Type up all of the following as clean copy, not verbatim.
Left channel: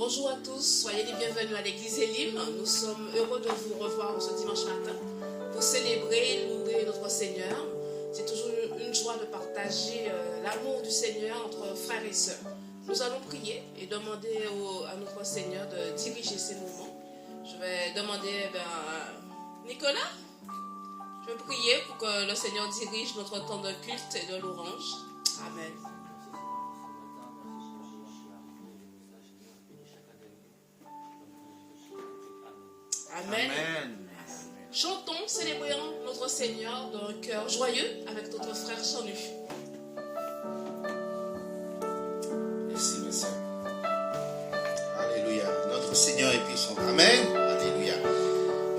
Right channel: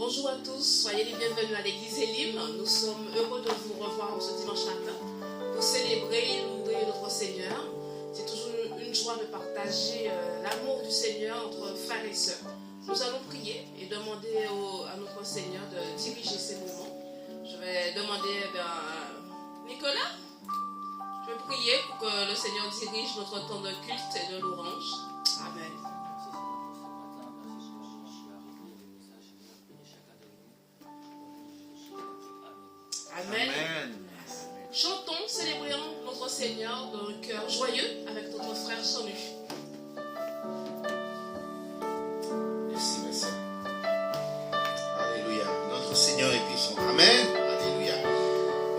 Bonjour à tous, soyez les bienvenus à l'église Elim. Nous sommes heureux de vous revoir ce dimanche matin pour célébrer, louer notre Seigneur. C'est toujours une joie de partager l'amour du Seigneur entre frères et sœurs. Nous allons prier et demander à notre Seigneur de diriger ces moments. Je vais demander à Nicolas, je vais prier pour que le Seigneur dirige notre temps de culte et de louange. Amen. Amen. Amen. Chantons, célébrons notre Seigneur d'un cœur joyeux avec notre frère Sonu. Merci, merci. Alléluia. Notre Seigneur est puissant. Amen. Alléluia.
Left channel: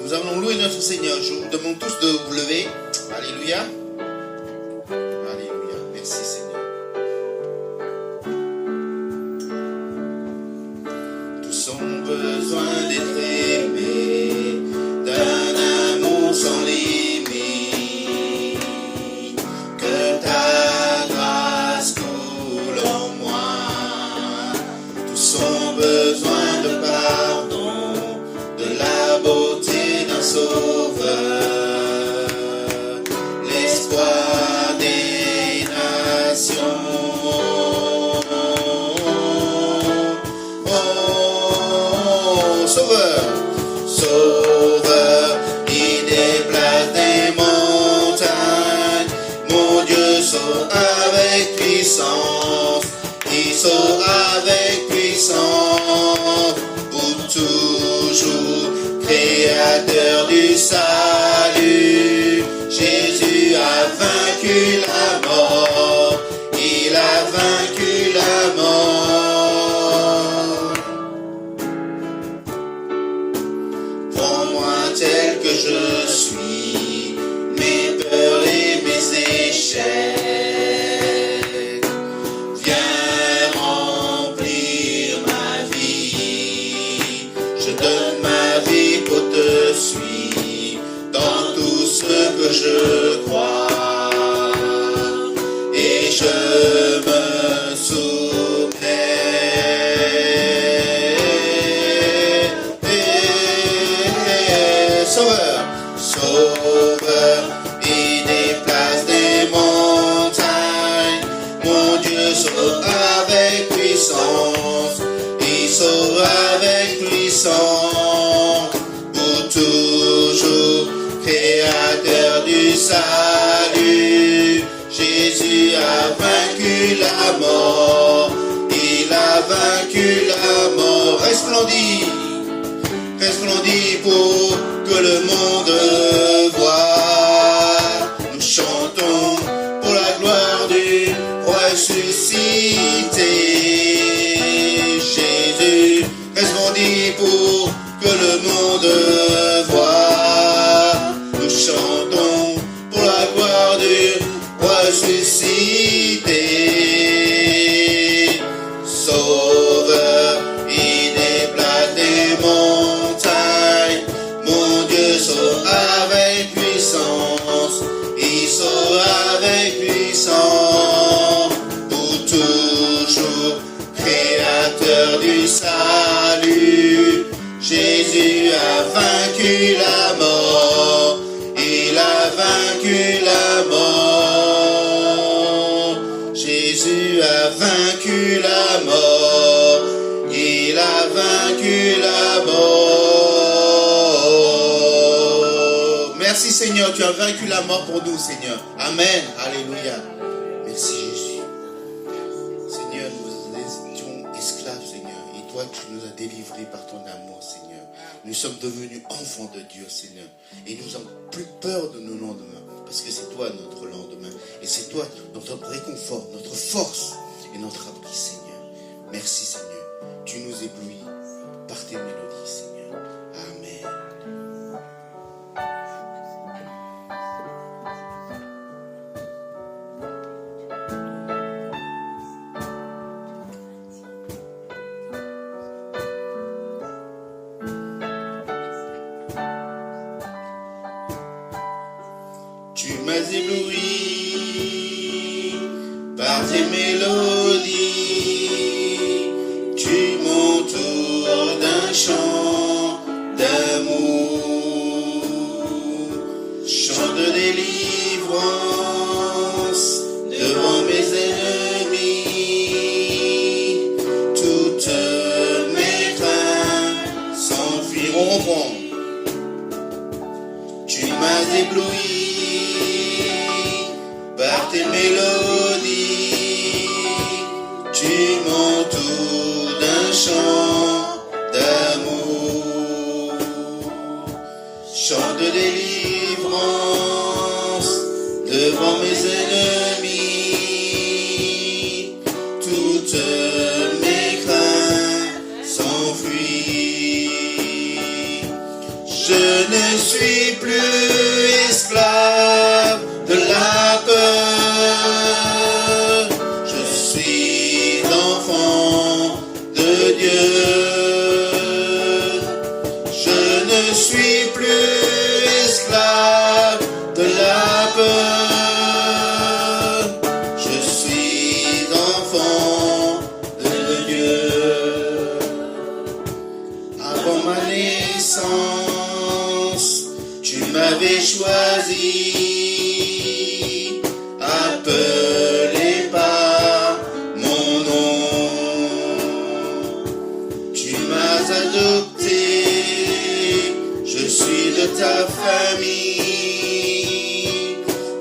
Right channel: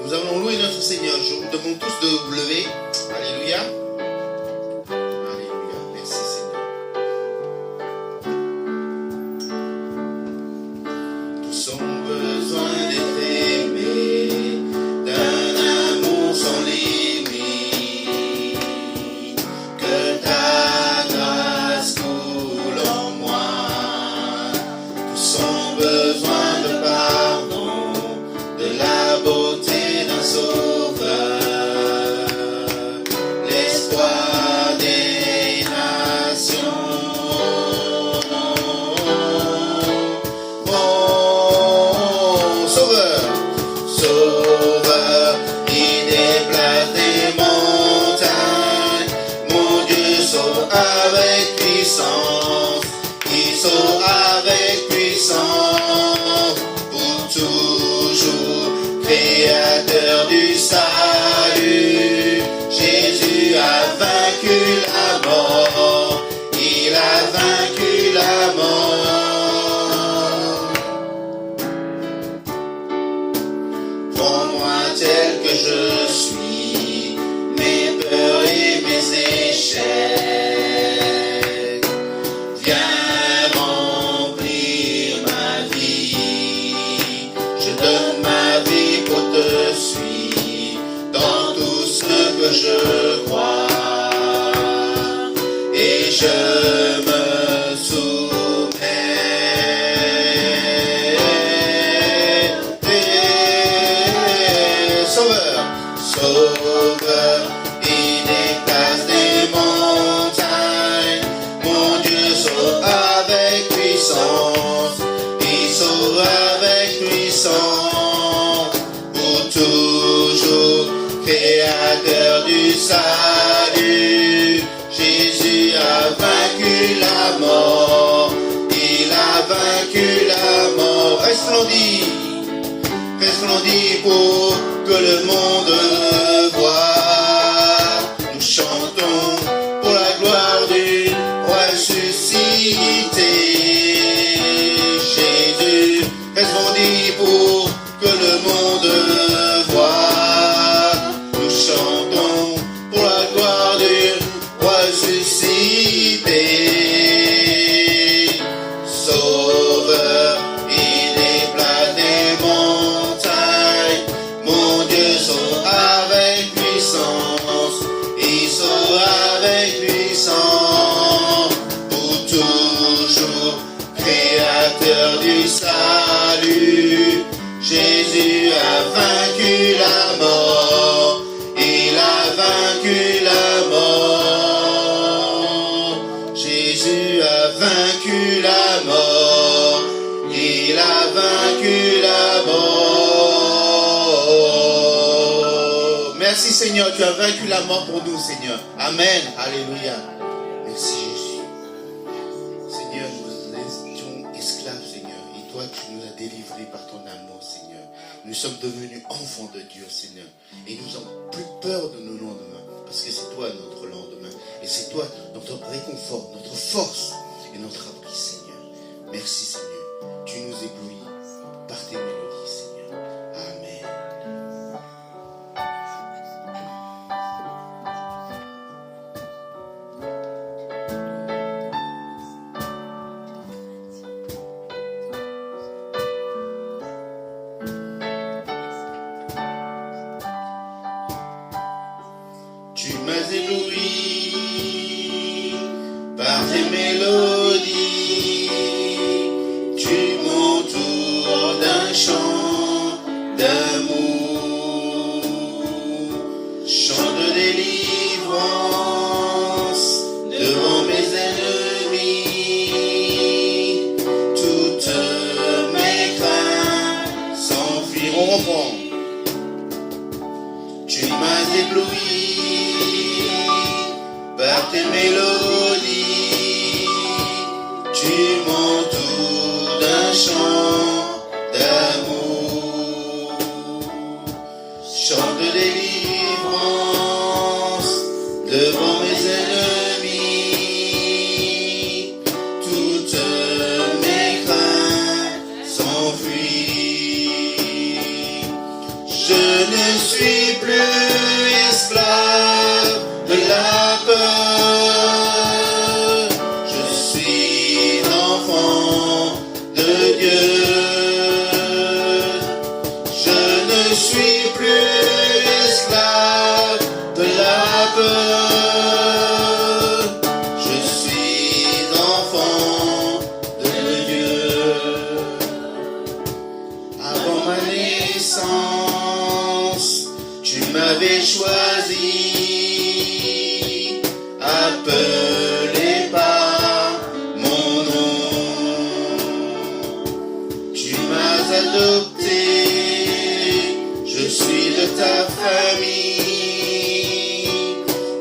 Nous allons louer notre Seigneur. Je vous demande tous de vous lever. Alléluia. Alléluia. Merci Seigneur. Tous ont besoin d'être aimés d'un amour sans limite. Que ta grâce coule en moi. Tous ont besoin de pardon, de la beauté d'un sauveur, l'espoir des nations. Oh, sauveur, sauveur, il déplace des montagnes. Mon Dieu sauve avec puissance, il sauve avec puissance, pour toujours, créateur du salut. Jésus a vaincu la mort, il a vaincu la mort. Prends-moi tel que je suis, mes peurs et mes échecs. Viens remplir ma vie, je donne ma vie pour te suivre dans tout ce que je crois, et je me soumets. Sauveur, sauveur, il déplace des montagnes. Mon Dieu sauve avec puissance, il sauve avec puissance, pour toujours, créateur du salut. Jésus a vaincu la mort, il a vaincu la mort. Resplendis, resplendis pour que le monde voit. Nous chantons pour la gloire du roi ressuscité. Jésus, resplendis pour que le monde voit. Nous chantons pour la gloire du roi ressuscité. Sauveur, il déplace des montagnes. Mon Dieu sauve avec puissance, il sauve avec puissance, pour toujours, créateur du salut. Jésus a vaincu la mort, il a vaincu la mort. Jésus a vaincu la mort, il a vaincu la mort. Merci Seigneur, tu as vaincu la mort pour nous Seigneur. Amen, alléluia. Merci Jésus. Seigneur, nous étions esclaves Seigneur, et toi tu nous as délivrés par ton amour Seigneur. Nous sommes devenus enfants de Dieu Seigneur, et nous n'avons plus peur de nos lendemains, parce que c'est toi notre lendemain, et c'est toi notre réconfort, notre force et notre abri Seigneur. Merci Seigneur, tu nous éblouis par tes mélodies Seigneur. Amen. Tu m'as ébloui par tes mélodies, tu m'entoures. m'enfuis. Je ne suis plus esclave de la peur. Je suis enfant de Dieu. Je ne suis plus esclave de la peur. Je suis enfant de Dieu. Avant ma naissance, tu m'avais choisi, appelé par mon nom. Tu m'as adopté, je suis de ta famille.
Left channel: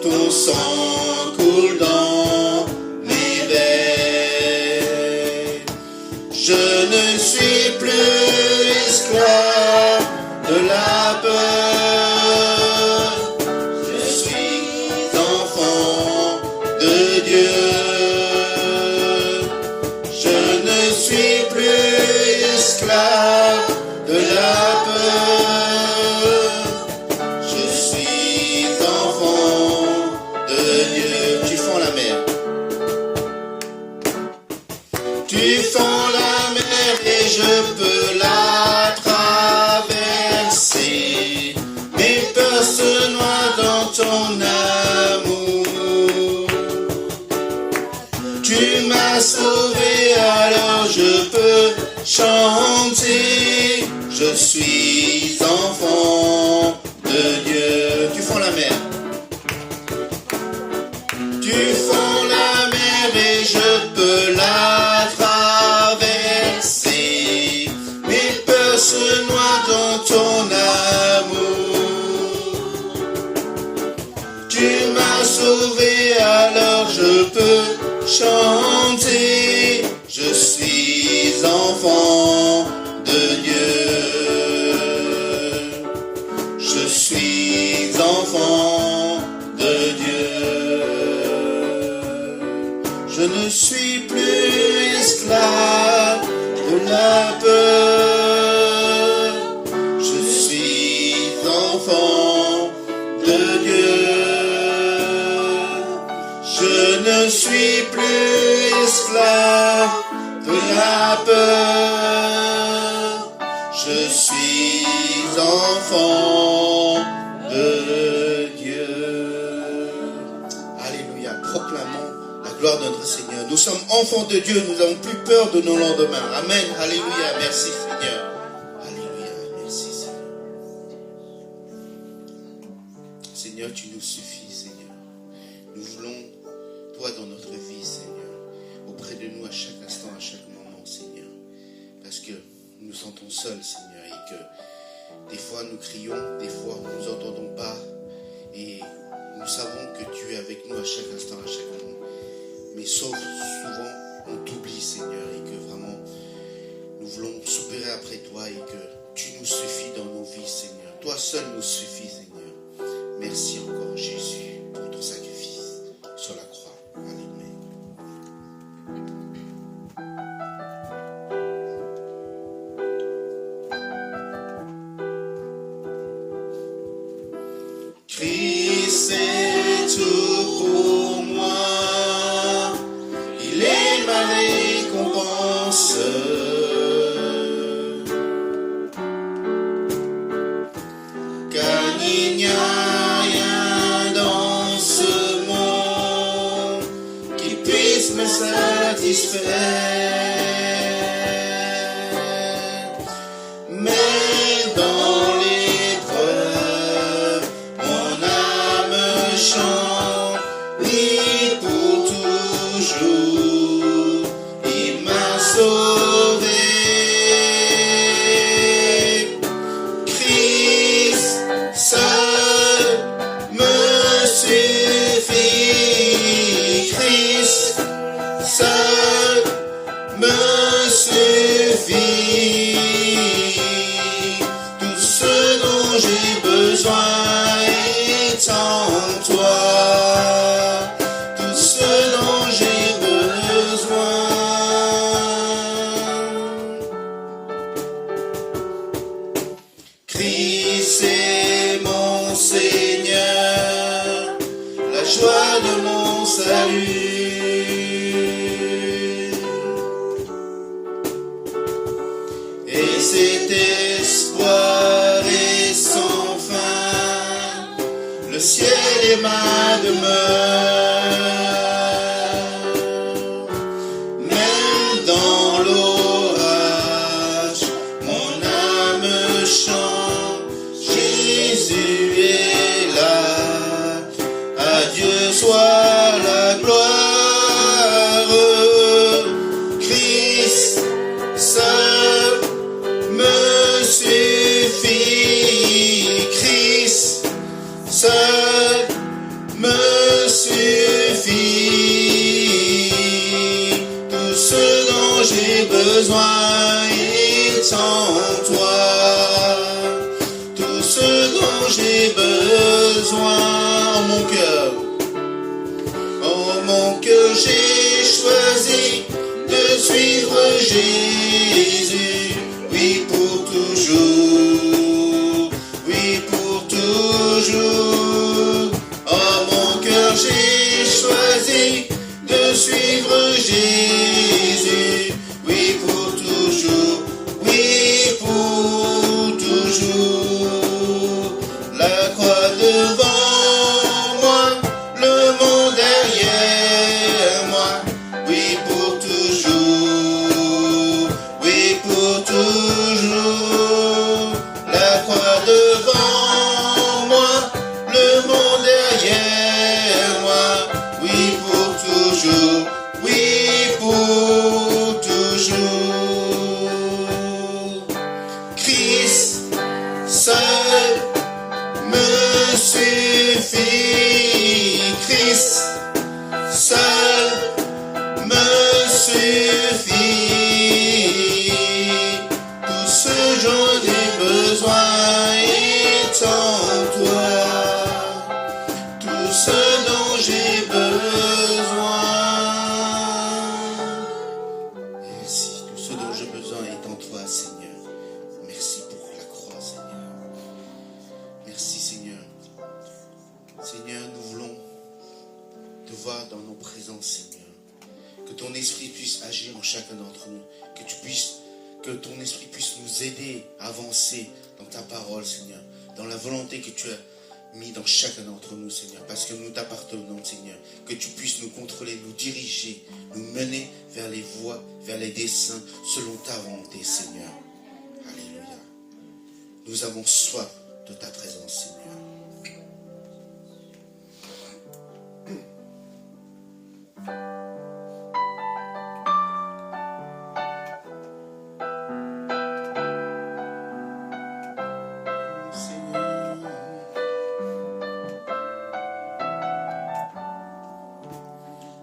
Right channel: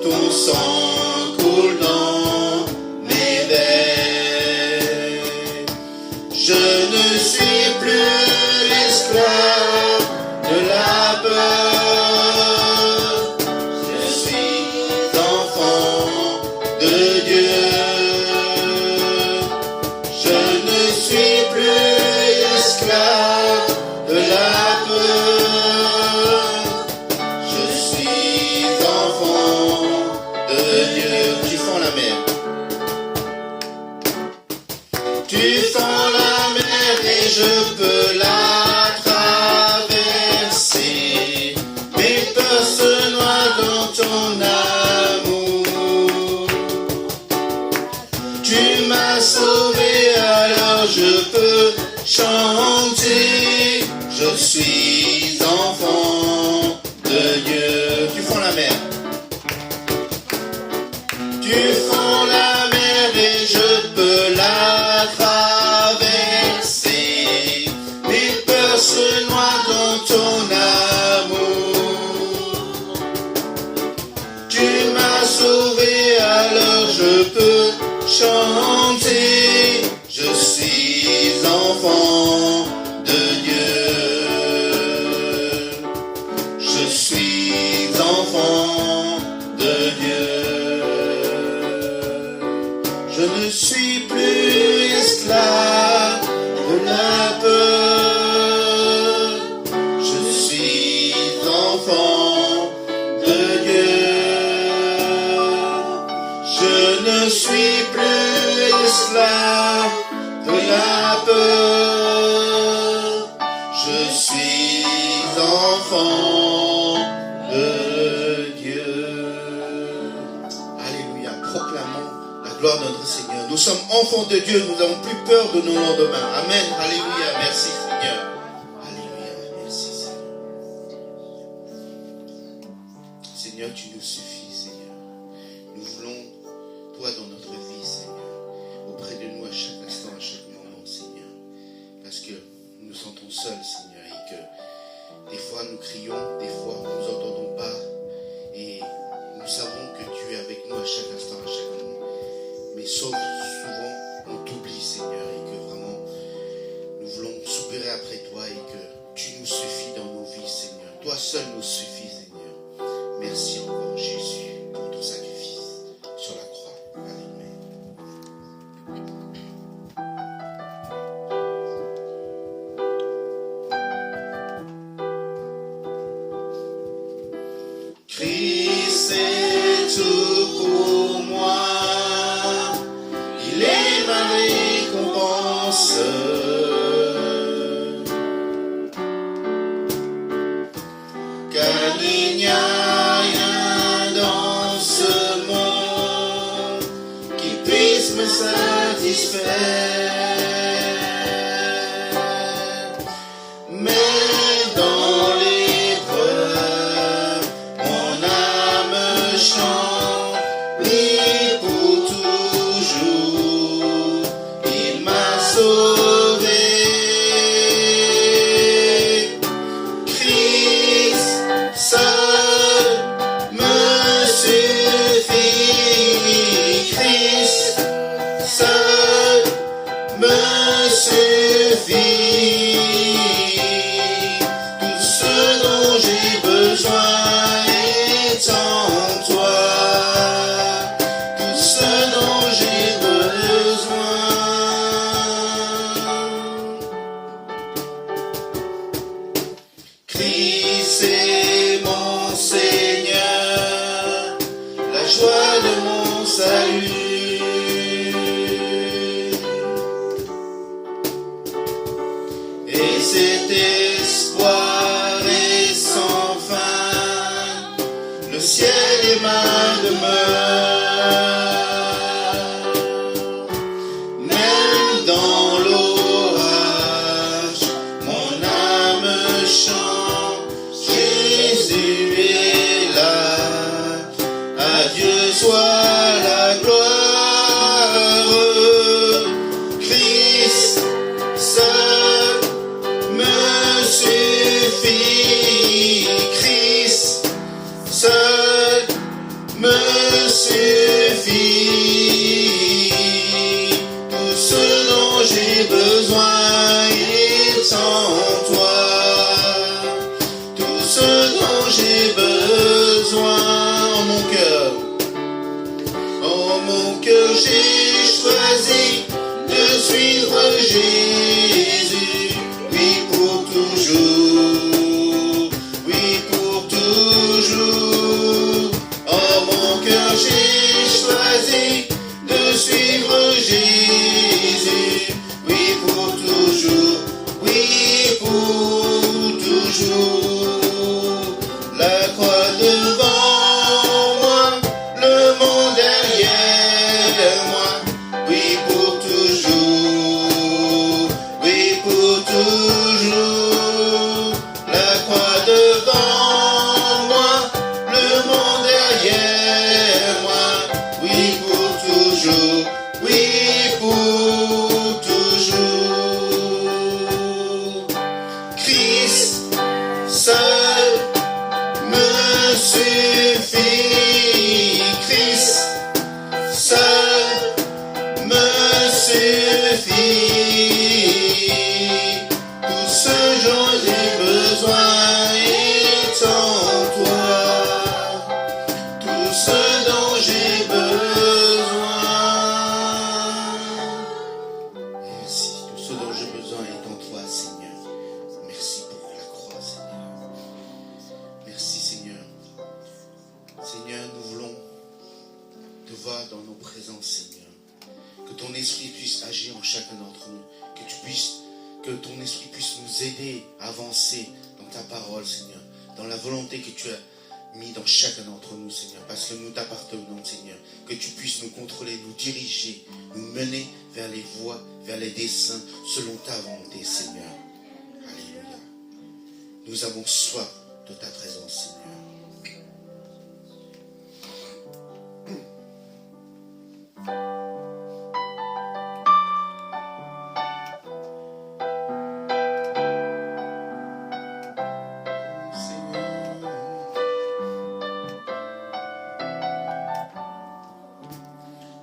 Ton sang coule dans mes veines. Je ne suis plus esclave de la peur. Je suis enfant de Dieu. Je ne suis plus esclave de la peur. Je suis enfant de Dieu. Tu fends la mer. Tu fends la mer et je peux la traverser. Mes peurs se noient dans ton amour. Tu m'as sauvé, alors je peux chanter. Je suis enfant de Dieu. Tu fends la mer. Tu fends la mer et je peux la traverser. Mes peurs se noient dans ton amour. Tu m'as sauvé, alors je peux chanter. Je suis enfant de Dieu. Je suis enfant de Dieu. Je ne suis plus esclave de la peur. Je suis enfant de Dieu. Je ne suis plus esclave de la peur. Je suis enfant de Dieu. Alléluia. Proclamons la gloire de notre Seigneur. Nous sommes enfants de Dieu. Nous n'avons plus peur de nos lendemains. Amen. Alléluia. Merci Seigneur. Alléluia. Merci Seigneur. Seigneur, tu nous suffis, Seigneur. Nous voulons toi dans notre vie, Seigneur. Auprès de nous à chaque instant, à chaque moment, Seigneur. Parce que nous nous sentons seuls, Seigneur. Et que des fois nous crions, des fois nous ne nous entendons pas. Et nous savons que tu es avec nous à chaque instant, à chaque moment. Mais sauf souvent, on t'oublie, Seigneur, et que vraiment, nous voulons soupirer après toi et que tu nous suffis dans nos vies, Seigneur. Toi seul nous suffis, Seigneur. Merci encore, Jésus, pour ton sacrifice sur la croix. Amen. Christ, c'est tout pour moi. Il est ma récompense. Car il n'y a rien dans ce monde qui puisse me satisfaire. Mais dans l'épreuve, mon âme chante, lui pour toujours, il m'a sauvé. Christ seul me suffit. Christ seul Christ est mon Seigneur, la joie de mon salut. Et cet espoir est sans fin, le ciel est ma demeure. Même dans l'orage, mon âme chante, Jésus est là. À Dieu soit la gloire. Christ seul me suffit. Christ seul me suffit. Tout ce dont j'ai besoin est en toi. Tout ce dont j'ai besoin en mon cœur. En mon cœur j'ai choisi de suivre Jésus. Oui pour toujours. Oui pour toujours. En mon cœur j'ai choisi de suivre Jésus. Oui pour toujours. Oui pour toujours. La croix devant moi, le monde derrière moi. Oui pour toujours. Oui pour toujours. La croix devant moi, le monde derrière moi. Oui pour toujours. Oui pour toujours. Christ seul me suffit. Christ seul me suffit. Tout ce dont j'ai besoin est en toi. Tout ce dont j'ai besoin. Merci. Tout ce dont j'ai besoin est en toi, Seigneur. Merci pour la croix, Seigneur. Merci, Seigneur. Seigneur, nous voulons te voir dans nos présences, Seigneur. Que ton esprit puisse agir en chacun d'entre nous. Que ton esprit puisse nous aider à avancer dans ta parole, Seigneur. Dans la volonté que tu as mis dans chacun d'entre nous, Seigneur. Parce que nous t'appartenons, Seigneur. Que tu puisses nous contrôler, nous diriger, nous mener vers les voies, vers les desseins, selon ta volonté, Seigneur. Alléluia. Nous avons soif de ta présence, Seigneur.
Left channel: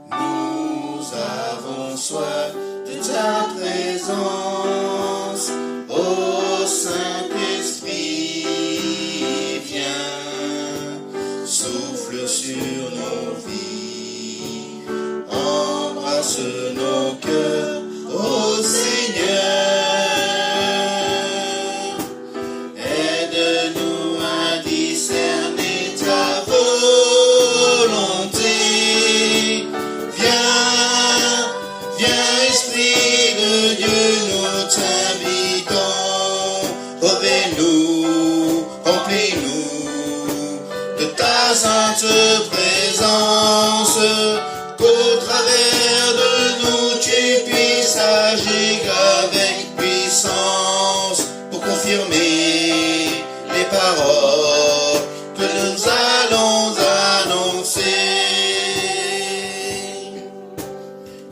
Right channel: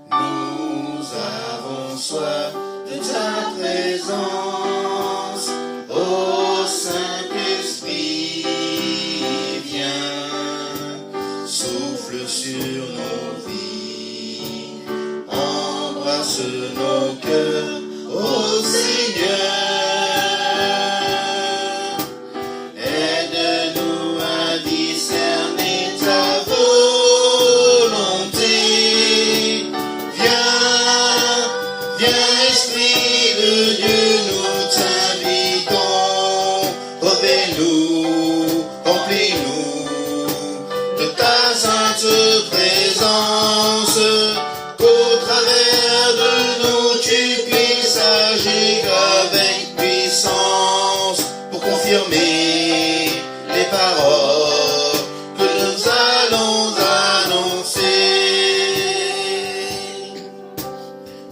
Nous avons soif de ta présence, ô Saint-Esprit, viens, souffle sur nos vies, embrasse nos cœurs, ô Seigneur. Aide-nous à discerner ta volonté. Viens, Esprit de Dieu, nous t'invitons. Revêt-nous, remplis-nous de ta sainte présence. Qu'au travers de nous, tu puisses agir avec puissance pour confirmer les paroles que nous allons annoncer.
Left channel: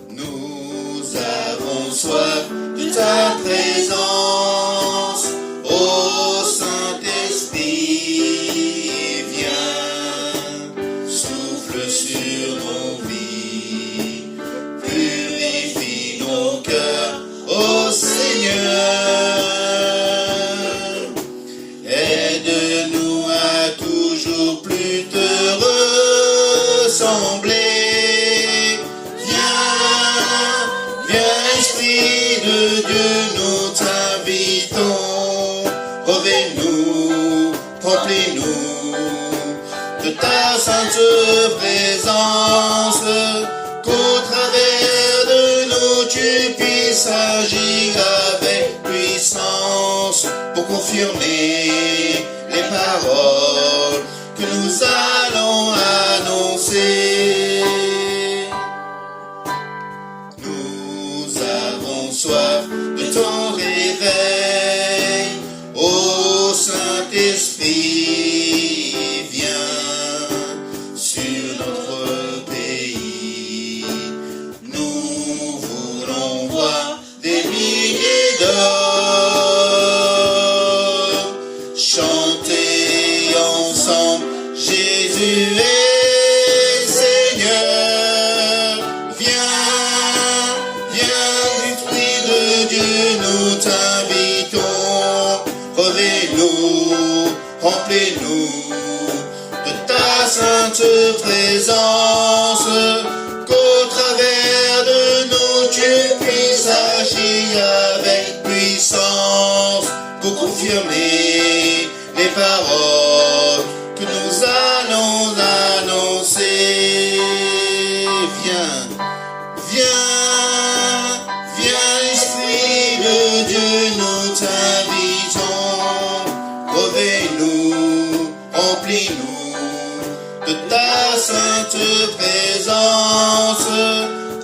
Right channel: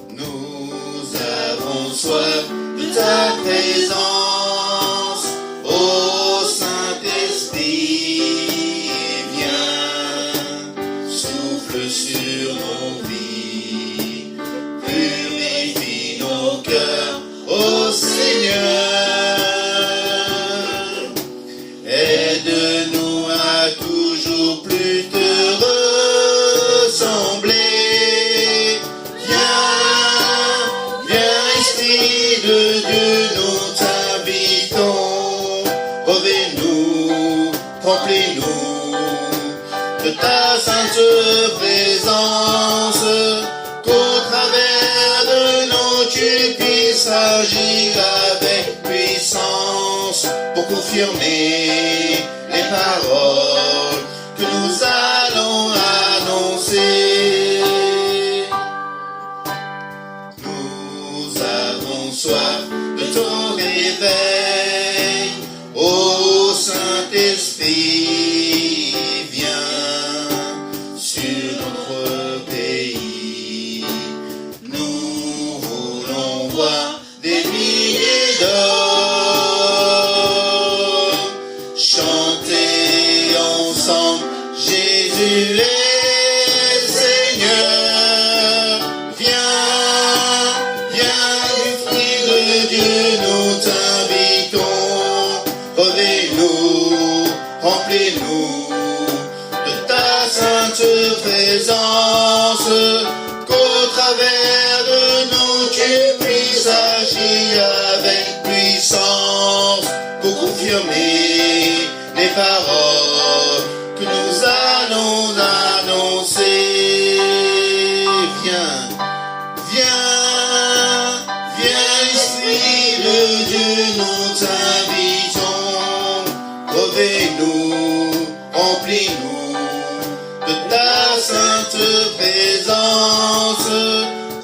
Nous avons soif de ta présence, ô Saint-Esprit, viens, souffle sur nos vies, purifie nos cœurs, ô Seigneur. Aide-nous à toujours plus te ressembler. Viens, Esprit de Dieu, nous t'invitons. remplis-nous de ta sainte présence, qu'au travers de nous tu puisses agir avec puissance pour confirmer les paroles que nous allons annoncer. Nous avons soif de ton réveil, ô Saint-Esprit, viens sur notre pays. Nous voulons voir des milliers d'hommes chanter ensemble, Jésus est Seigneur. Viens, Esprit de Dieu, nous t'invitons. Revêt-nous, remplis-nous de ta sainte présence, qu'au travers de nous tu puisses agir avec puissance pour confirmer les paroles que nous allons annoncer. Viens, Esprit de Dieu, nous t'invitons. Revêt-nous, remplis-nous de ta sainte présence,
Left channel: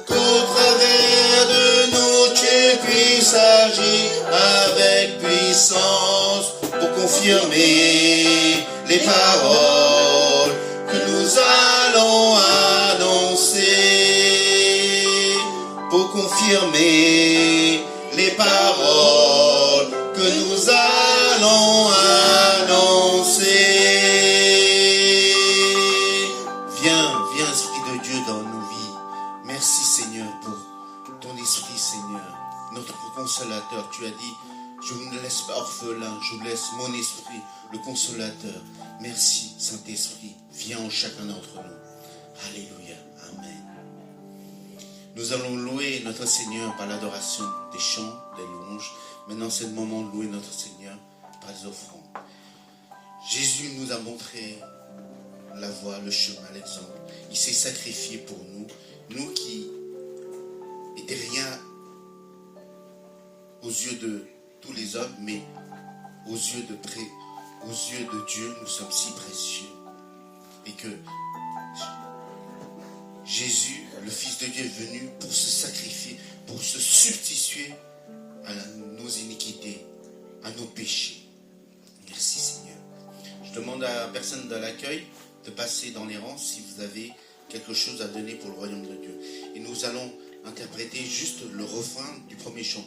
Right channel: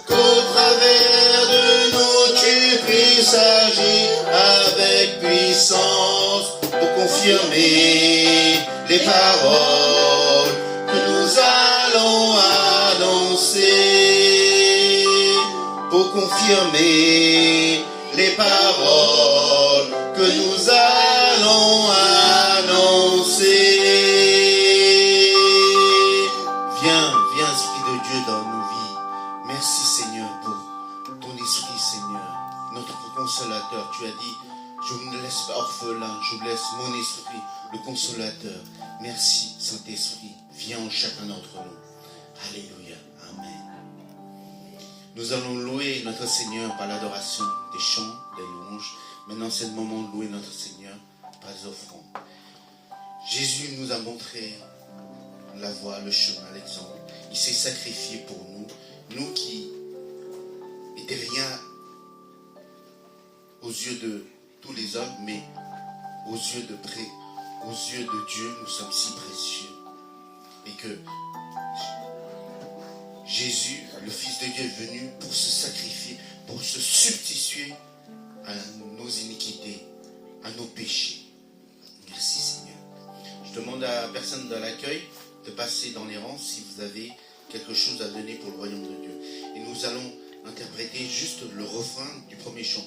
qu'au travers de nous tu puisses agir avec puissance pour confirmer les paroles que nous allons annoncer. Pour confirmer les paroles que nous allons annoncer. Viens, Esprit de Dieu, dans nos vies. Merci, Seigneur, pour ton Esprit, Seigneur, notre consolateur. Tu as dit, je ne me laisse pas orphelin, je vous laisse mon Esprit, le consolateur. Merci, Saint-Esprit, viens en chacun d'entre nous. Alléluia, Amen. Nous allons louer notre Seigneur par l'adoration des chants, des louanges. Maintenant, c'est le moment de louer notre Seigneur par les offrandes. Jésus nous a montré la voie, le chemin, l'exemple. Il s'est sacrifié pour nous. Nous qui n'étions rien aux yeux de tous les hommes, mais aux yeux de Dieu, nous sommes si précieux. Et que Jésus, le Fils de Dieu, est venu pour se sacrifier, pour se substituer à nos iniquités, à nos péchés. Merci Seigneur. Je demande à la personne de l'accueil de passer dans les rangs si vous avez quelque chose à donner pour le royaume de Dieu. Et nous allons interpréter juste le refrain du premier chant.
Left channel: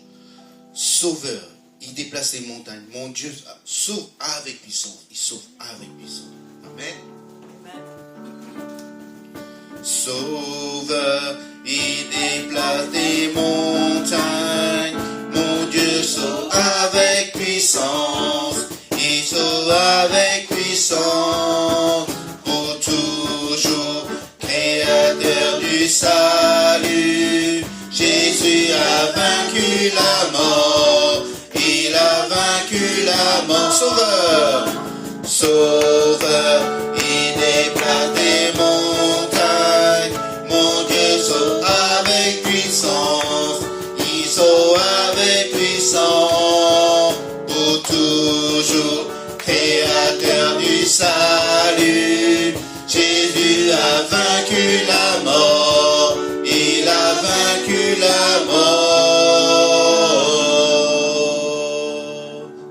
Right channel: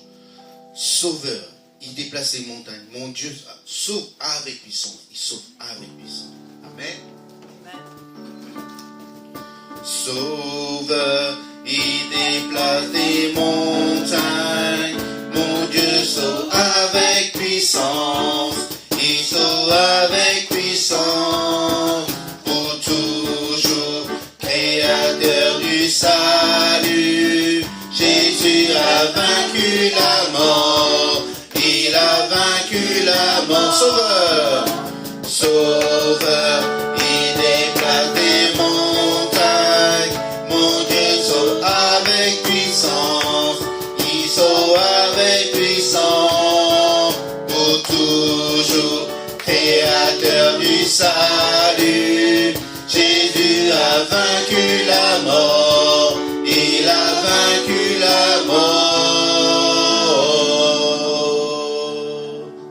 Sauveur, il déplace les montagnes. Mon Dieu sauve avec puissance. Il sauve avec puissance. Amen. Sauveur, il déplace des montagnes. Mon Dieu sauve avec puissance. Il sauve avec puissance. Pour toujours, créateur du salut. Jésus a vaincu la mort. Il a vaincu la mort. Sauveur, Sauveur, il déplace des montagnes. Mon Dieu sauve avec puissance. Il sauve avec puissance. Pour toujours, créateur du salut. Jésus a vaincu la mort. Il a vaincu la mort.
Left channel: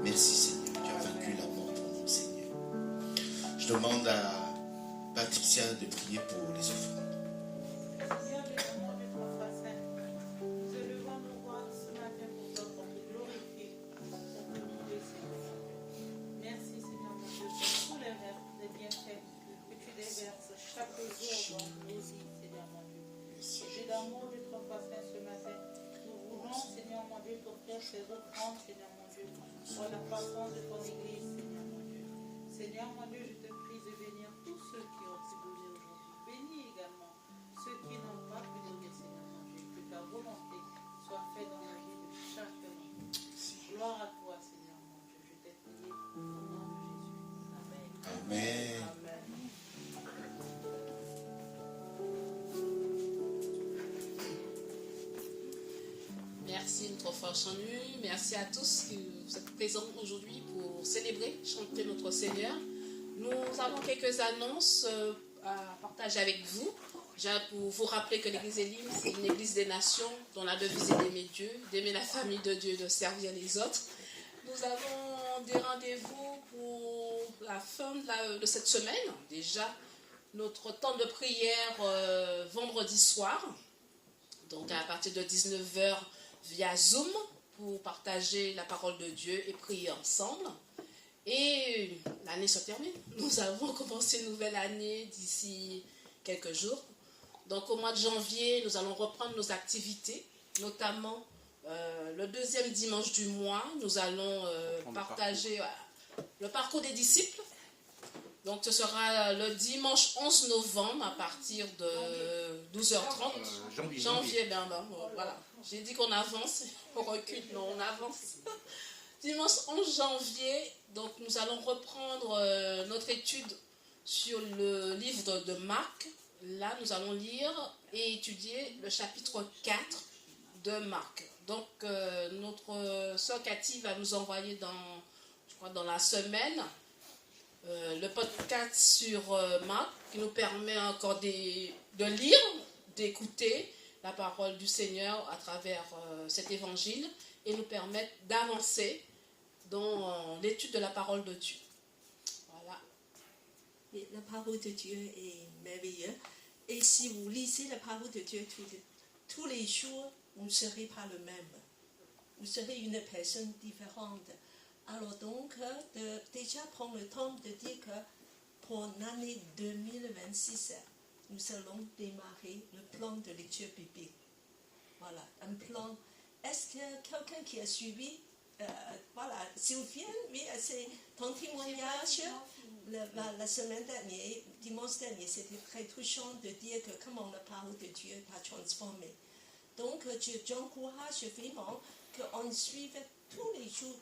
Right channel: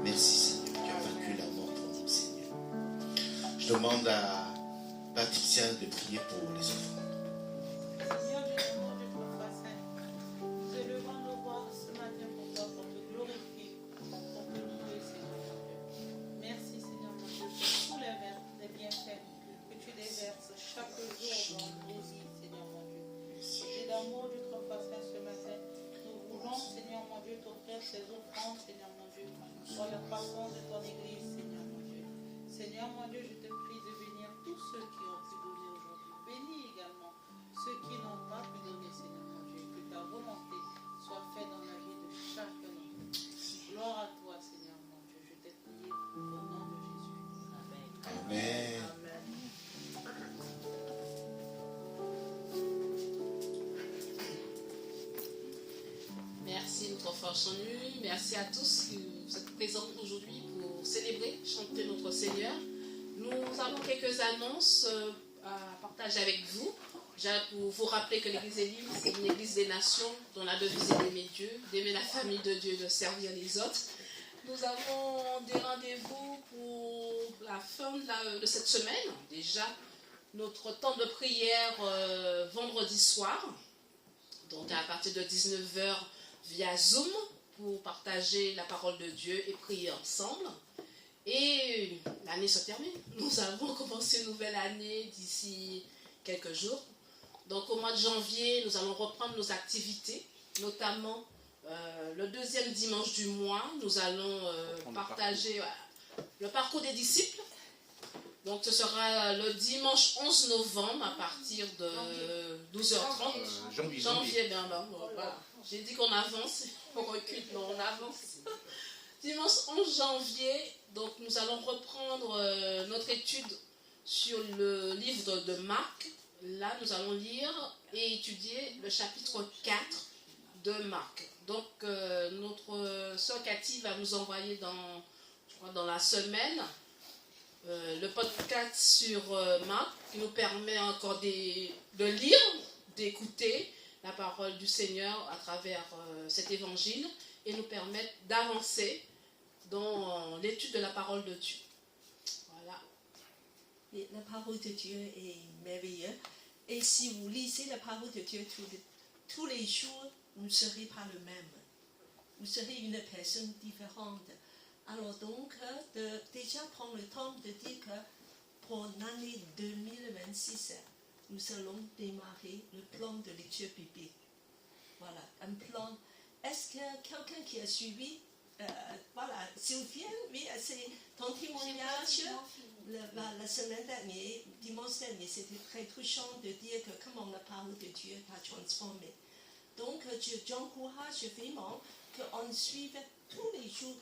Merci Seigneur, tu as vaincu la mort pour nous Seigneur. Je demande à Patricia de prier pour les offrandes. Seigneur, du amour de ton Père Saint, nous élevons nos voix ce matin pour toi, pour te glorifier, pour te louer, Seigneur mon Dieu. Merci, Seigneur mon Dieu, pour tous les bienfaits que tu déverses chaque jour dans nos vies, Seigneur mon Dieu. J'ai l'amour du ton Père Saint ce matin. Nous voulons, Seigneur mon Dieu, t'offrir ces offrandes, Seigneur mon Dieu, pour la croissance de ton Église, Seigneur mon Dieu. Seigneur mon Dieu, je te prie de bénir tous ceux qui ont pu donner aujourd'hui. Bénis également ceux qui n'ont pas pu donner, Seigneur mon Dieu. Que ta volonté soit faite dans la vie de chacun d'entre nous. Gloire à toi, Seigneur mon Dieu. Je t'ai prié au nom de Jésus. Amen. Amen. Merci notre frère Chanu, merci à tous qui vous êtes présents aujourd'hui pour célébrer, chanter notre Seigneur. Nous avons quelques annonces à partager avec vous. Déjà pour vous rappeler que l'église Élim, c'est une église des nations dont la devise est d'aimer Dieu, d'aimer la famille de Dieu et de servir les autres. Nous avons des rendez-vous pour la fin de cette semaine. Déjà, notre temps de prière vendredi soir, donc à partir de 19h via Zoom, pour partager la parole de Dieu et prier ensemble. Et l'année se termine. Nous allons commencer une nouvelle année d'ici quelques jours. Donc au mois de janvier, nous allons reprendre nos activités, notamment le deuxième dimanche du mois, nous allons partager le parcours des disciples. Donc ce sera le dimanche 11 novembre à partir de 12h30. Janvier, ben, voilà. J'ai dit qu'on avance, on recule, non, on avance. Dimanche 11 janvier, donc nous allons reprendre notre étude sur le livre de Marc. Là, nous allons lire et étudier le chapitre 4 de Marc. Donc, notre sœur Cathy va nous envoyer dans la semaine le podcast sur Marc qui nous permet encore de lire, d'écouter la parole du Seigneur à travers cet évangile et nous permettre d'avancer dans l'étude de la parole de Dieu. Voilà. La parole de Dieu est merveilleuse. Et si vous lisez la parole de Dieu tous les jours, vous ne serez pas le même. Vous serez une personne différente. Alors donc, déjà prendre le temps de dire que pour l'année 2026, nous allons démarrer le plan de lecture biblique. Voilà, un plan. Est-ce que quelqu'un qui a suivi, voilà, Sylvienne, oui, c'est ton témoignage la semaine dernière, dimanche dernier, c'était très touchant de dire que comment la parole de Dieu t'a transformé. Donc, j'encourage vraiment qu'on suive tous les jours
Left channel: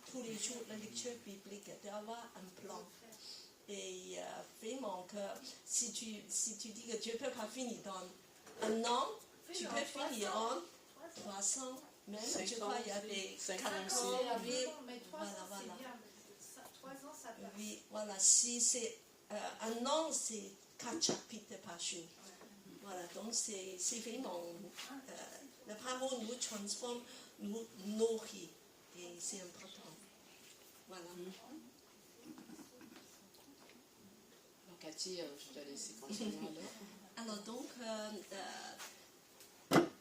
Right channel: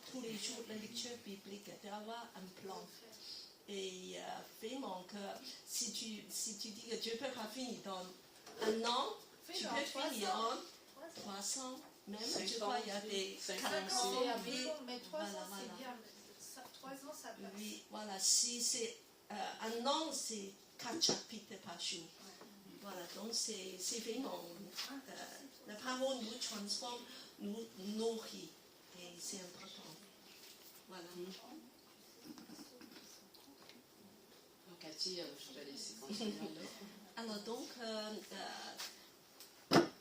la lecture biblique, d'avoir un plan. Et vraiment que si tu dis que Dieu ne peut pas finir dans un an, tu peux finir en 300, même je crois il y a des 5 ans aussi. Mais 3 ans, c'est bien. 3 ans, ça passe. Oui, voilà, si c'est un an, c'est 4 chapitres par jour. Voilà, donc c'est vraiment, la parole nous transforme, nous nourrit, et c'est important. Voilà. Alors Cathy, je vais laisser continuer alors. Alors donc,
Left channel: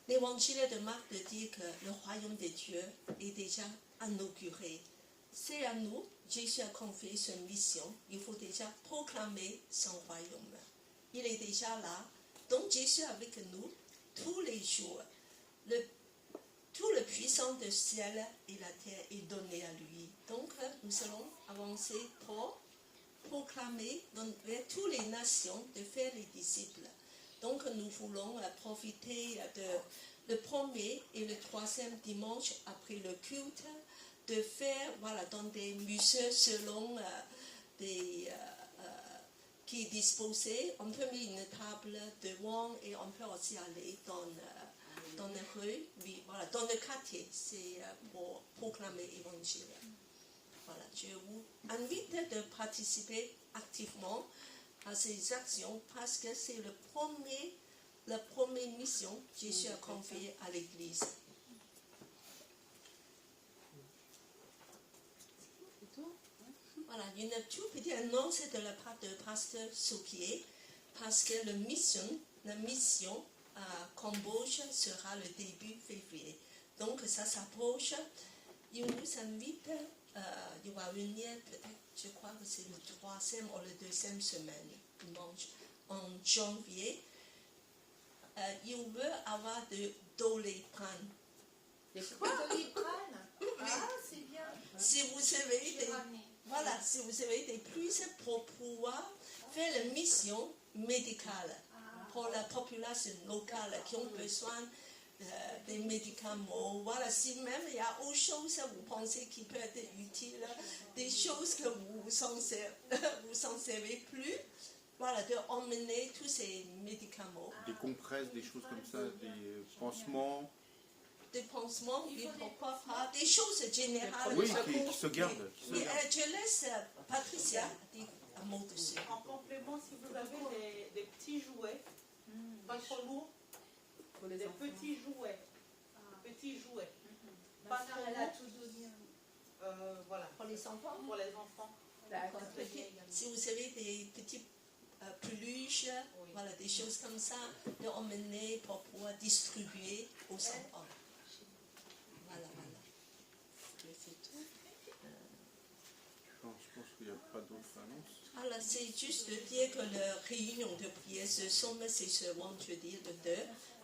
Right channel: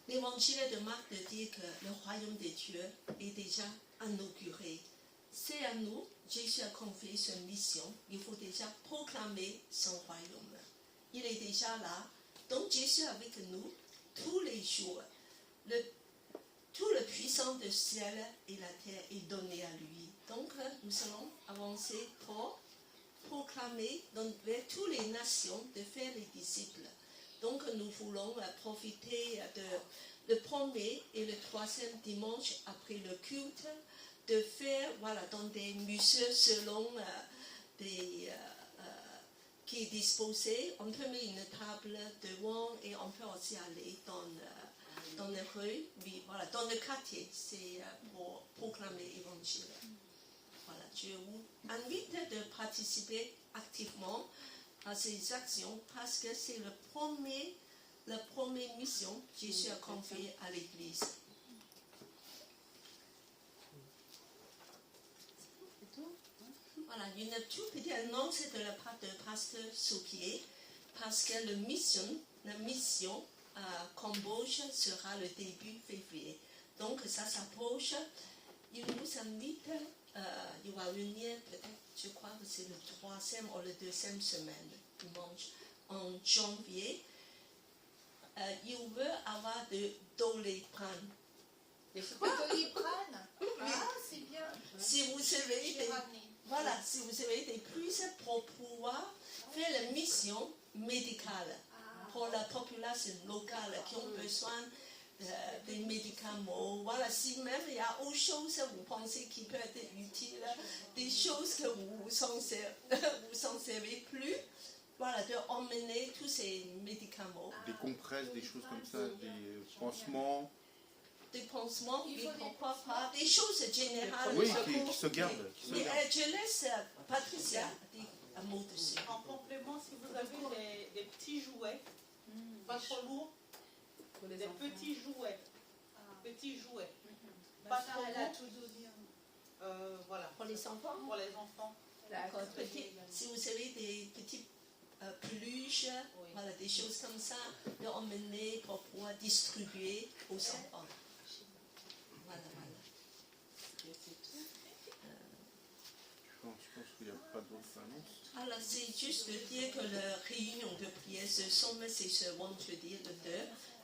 l'évangile de Marc dit que le royaume de Dieu est déjà inauguré. C'est à nous, Jésus a confié sa mission, il faut déjà proclamer son royaume. Il est déjà là, donc Jésus est avec nous tous les jours. Tout le puissant du ciel et la terre est donné à lui. Donc nous allons avancer pour proclamer vers toutes les nations de faire les disciples. Donc nous voulons profiter de le premier et le troisième dimanche après le culte, de faire dans des musées selon qui est disposé. On peut mettre une table devant et on peut aussi aller dans les rues, oui, voilà, dans le quartier, c'est pour proclamer l'évangile. Voilà, je vous invite de participer activement à ces actions parce que c'est la première mission que Jésus a confiée à l'Église. Voilà, une toute petite annonce de la part de pasteur Soupier parce que la mission à Cambodge sera le début février. Donc ça s'approche. Il nous invite, il va venir peut-être, je crois que c'est le 3e ou le 2e semaine, dimanche, en janvier. Il veut avoir de Doliprane. Doliprane. Ah, c'est bien. Si vous avez des plus pour pouvoir faire la mission médicale pour la population locale qui ont besoin des médicaments. Voilà, si même il y a autre chose que vous pensez qui peut être utile, des choses que vous vous s'en servez plus, voilà, de emmener tous ces médicaments, Des compresses, des choses comme ça, des pansements. des pansements, oui, pourquoi pas, des choses générales. Oui, qui se gardent. Qui se Mais gardent. je laisse Patricia dire un mot dessus. En complément, si vous avez des petits jouets, pas trop lourds, des petits jouets. Petits jouets. Pas trop lourds. Voilà. Pour les enfants, Pour les enfants. d'accord. Si vous avez des petites peluches, Oui. voilà, des choses comme ça, de emmener pour pouvoir distribuer aux enfants. Voilà, voilà. Et c'est tout. Je pense qu'il n'y a pas d'autres annonces. Alors, c'est juste de dire que la réunion de prière, ce somme, c'est ce vendredi le 2,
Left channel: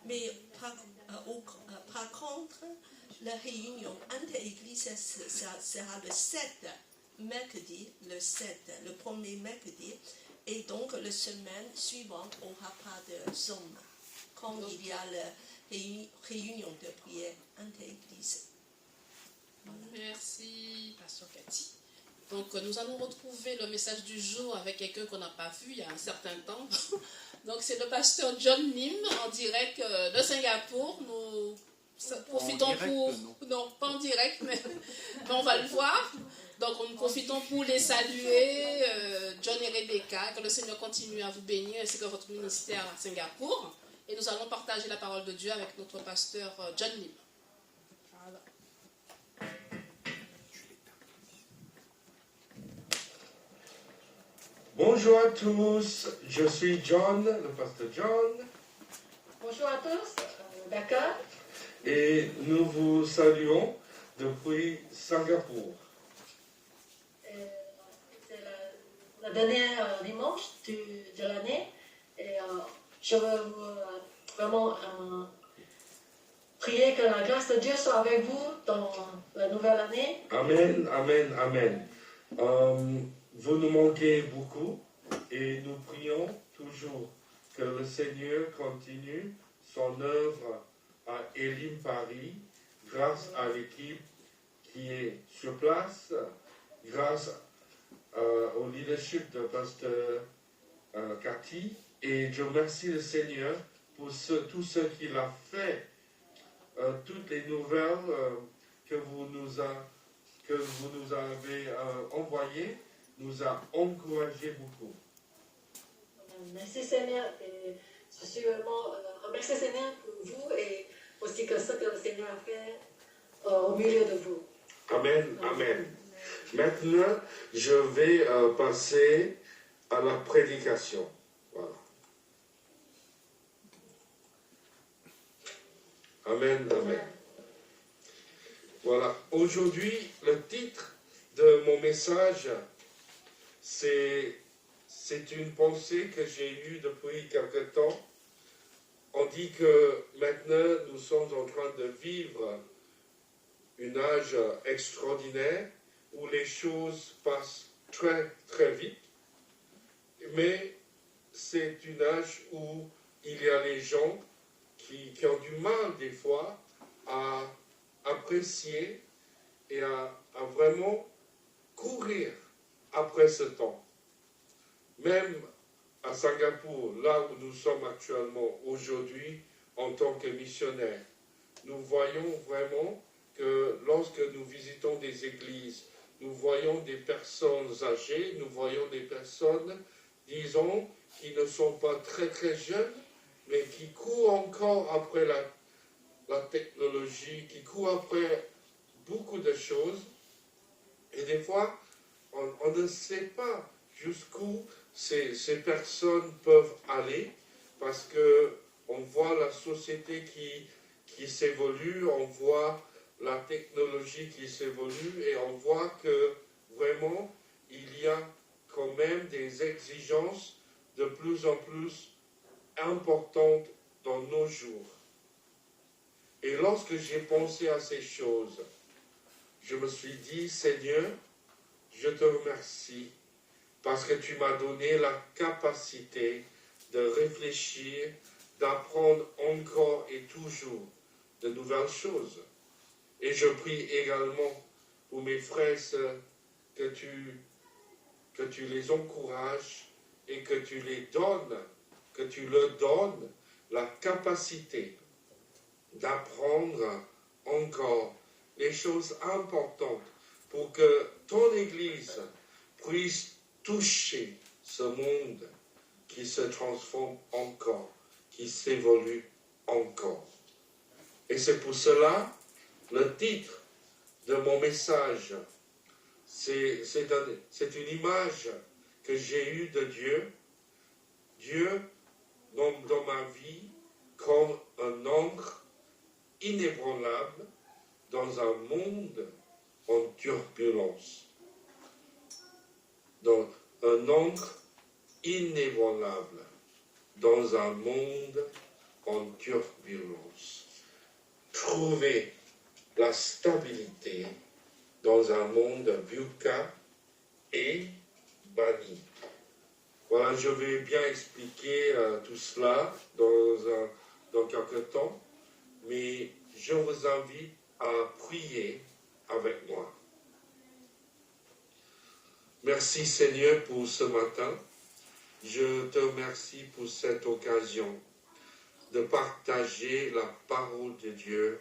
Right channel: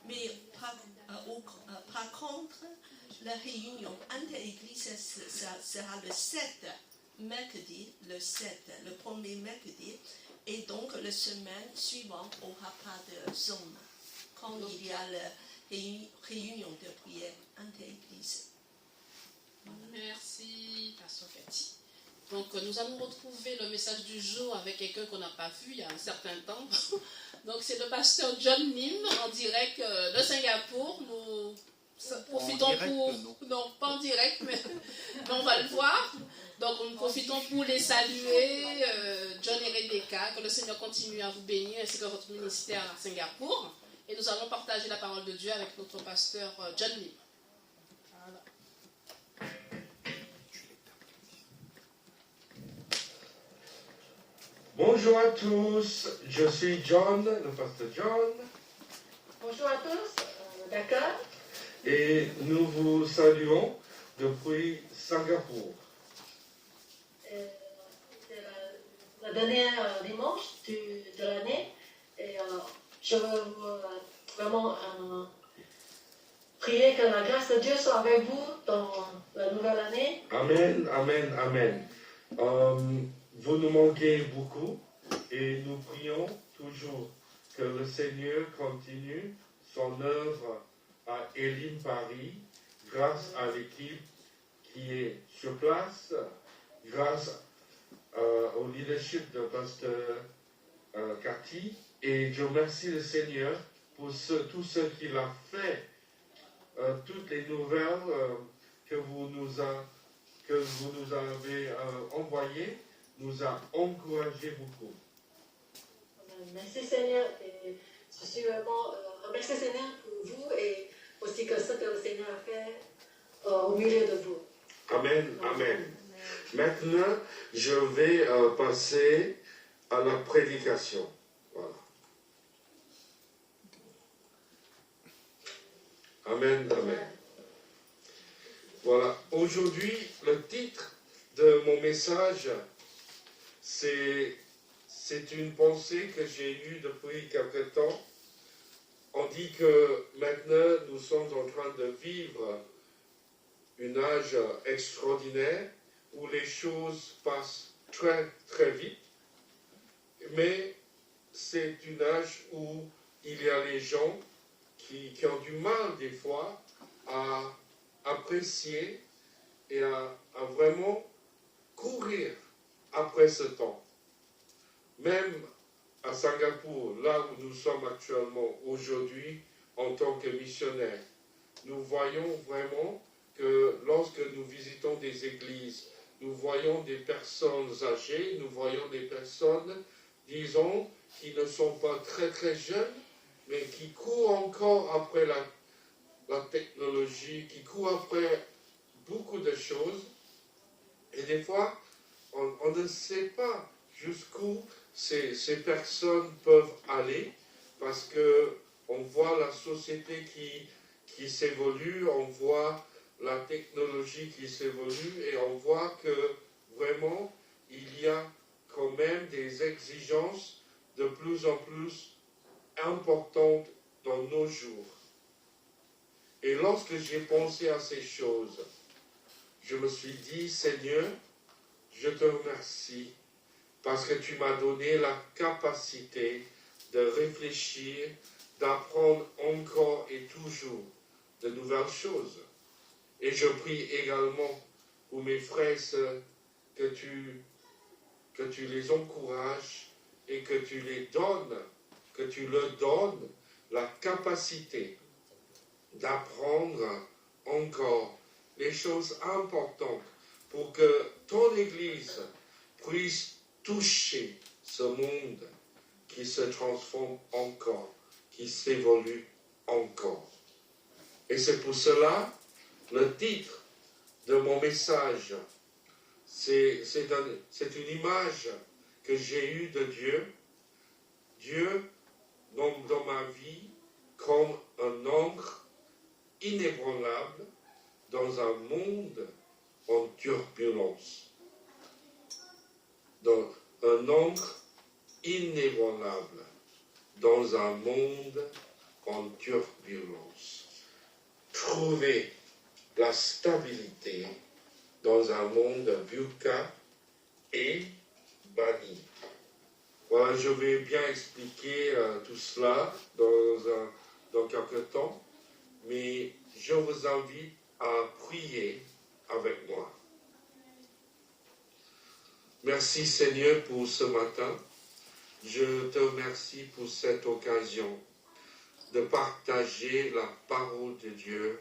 mais par contre, la réunion inter-église, ça sera le 7, mercredi, le 7, le premier mercredi, et donc la semaine suivante, on n'aura pas de somme, quand il y a la réunion de prière inter-église. Merci, Pasteur Cathy. Donc, nous allons retrouver le message du jour avec quelqu'un qu'on n'a pas vu il y a un certain temps. Donc, c'est le pasteur John Lim en direct de Singapour. Nous profitons direct, pour... non. pas en direct, mais on va le voir. Donc, nous profitons pour les saluer, John et Rebecca. Que le Seigneur continue à vous bénir ainsi que votre ministère à Singapour. Et nous allons partager la parole de Dieu avec notre pasteur John Lim. Voilà. Bonjour à tous, je suis John, le pasteur John, Bonjour à tous, d'accord. et nous vous saluons depuis Singapour. C'est la dernière dimanche de l'année et je veux vous vraiment prier que la grâce de Dieu soit avec vous dans la nouvelle année. Amen, amen, amen. Vous nous manquez beaucoup et nous prions toujours que le Seigneur continue son œuvre à Elim Paris grâce à l'équipe qui est sur place, grâce au leadership de pasteur Cathy. Et je remercie le Seigneur pour tout ce qu'il a fait, toutes les nouvelles que vous nous avez envoyées nous a encouragé beaucoup. Merci Seigneur et je suis vraiment remercie Seigneur pour vous et aussi que ce que le Seigneur a fait au milieu de vous. Amen, amen. Maintenant, je vais passer à la prédication. Voilà. Amen, amen. Voilà. Aujourd'hui, le titre de mon message, c'est une pensée que j'ai eue depuis quelque temps. On dit que maintenant, nous sommes en train de vivre un âge extraordinaire où les choses passent très, très vite. Mais c'est un âge où il y a les gens qui ont du mal des fois à apprécier et à vraiment courir après ce temps. Même à Singapour, là où nous sommes actuellement aujourd'hui en tant que missionnaires, nous voyons vraiment que lorsque nous visitons des églises, nous voyons des personnes âgées, nous voyons des personnes, disons, qui ne sont pas très très jeunes, mais qui courent encore après la technologie, qui courent après beaucoup de choses. Et des fois, on ne sait pas jusqu'où ces personnes peuvent aller, parce qu'on voit la société qui s'évolue, on voit la technologie qui s'évolue, et on voit que vraiment, il y a quand même des exigences de plus en plus importantes dans nos jours. Et lorsque j'ai pensé à ces choses, je me suis dit, Seigneur, je te remercie parce que tu m'as donné la capacité de réfléchir, d'apprendre encore et toujours de nouvelles choses. Et je prie également pour mes frères et sœurs que tu que tu les encourages et que tu leur donnes la capacité d'apprendre encore les choses importantes pour que ton Église puisse toucher ce monde qui se transforme encore, qui s'évolue encore. Et c'est pour cela, le titre de mon message, c'est une image que j'ai eue de Dieu. Dieu, dans ma vie, comme un encre inébranlable dans un monde en turbulence. Donc, un encre inébranlable dans un monde en turbulence. Trouver la stabilité dans un monde burqa et banni. Voilà, je vais bien expliquer tout cela dans quelques temps, mais je vous invite à prier avec moi. Merci Seigneur pour ce matin. Je te remercie pour cette occasion de partager la parole de Dieu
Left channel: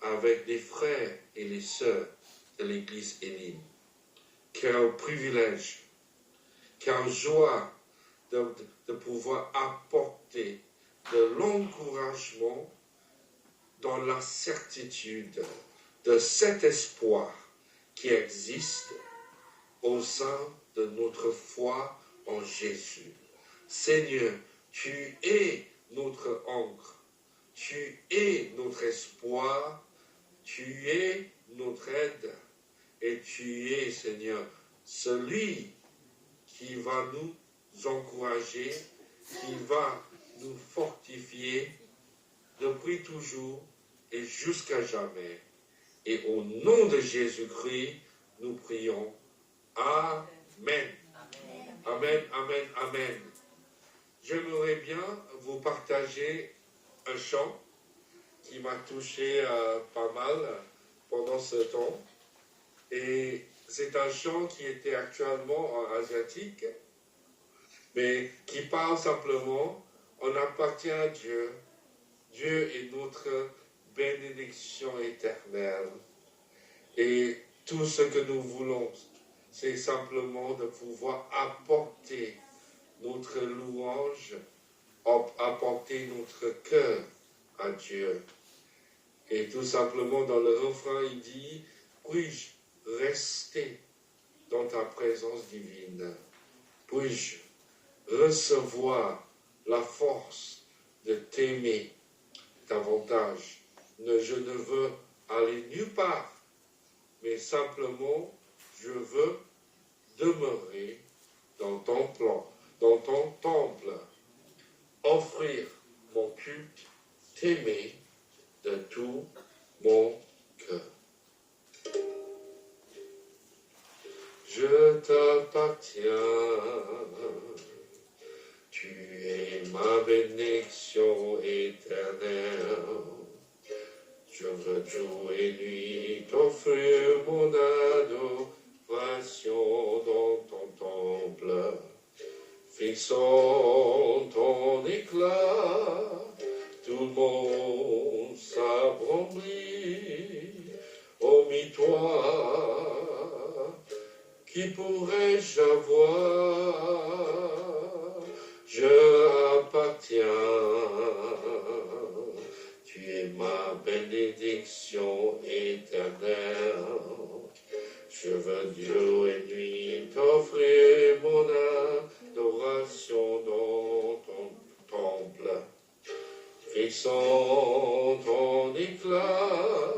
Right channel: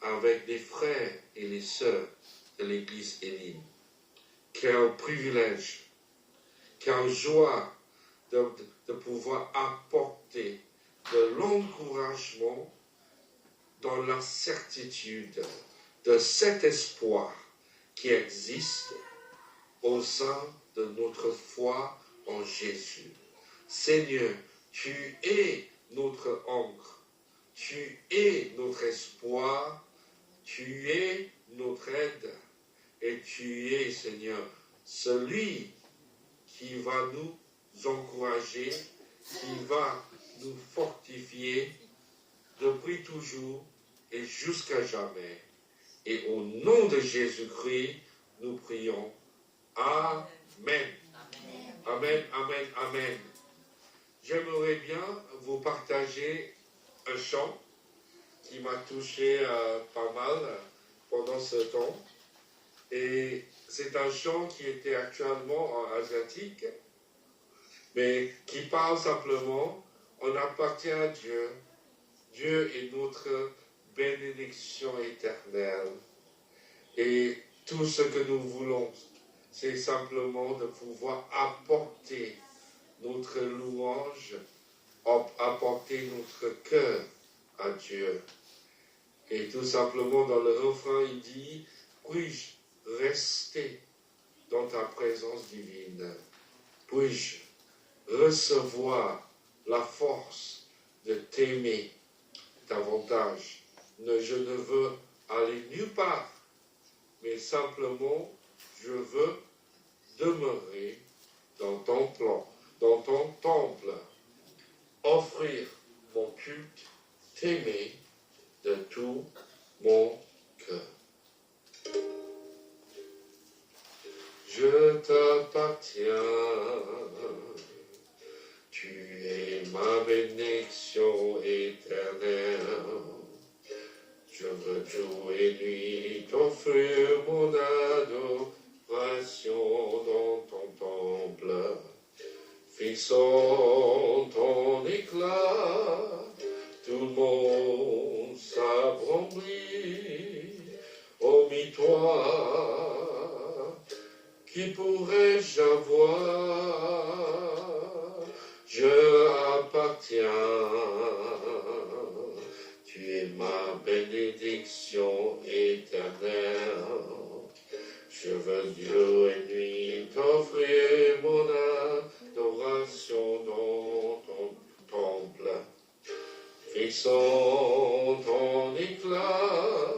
avec les frères et les sœurs de l'Église Élim. Quel privilège, quelle joie de pouvoir apporter de l'encouragement dans la certitude de cet espoir qui existe au sein de notre foi en Jésus. Seigneur, tu es notre encre, tu es notre espoir, tu es notre aide et tu es, Seigneur, celui qui va nous encourager, qui va nous fortifier depuis toujours et jusqu'à jamais. Et au nom de Jésus-Christ, nous prions. Amen. Amen, amen, amen. J'aimerais bien vous partager un chant qui m'a touché pas mal pendant ce temps. Et c'est un chant qui était actuellement en asiatique, mais qui parle simplement, on appartient à Dieu. Dieu est notre bénédiction éternelle. Et tout ce que nous voulons, c'est simplement de pouvoir apporter notre louange, apporter notre cœur à Dieu. Et tout simplement dans le refrain, il dit, puis-je rester dans ta présence divine? Puis-je recevoir la force de t'aimer davantage? Je ne veux aller nulle part, mais simplement, je veux demeurer dans ton plan, dans ton temple, offrir mon culte, t'aimer de tout mon cœur. Je t'appartiens, tu es ma bénédiction éternelle. Je veux jour et nuit t'offrir mon adoration dans ton temple. Fixons ton éclat, tout le monde s'abranlit. Hormis toi, qui pourrais-je avoir? Je appartiens. Tu es ma bénédiction éternelle. Je veux jour et nuit t'offrir mon adoration dans ton temple. Fixons ton éclat,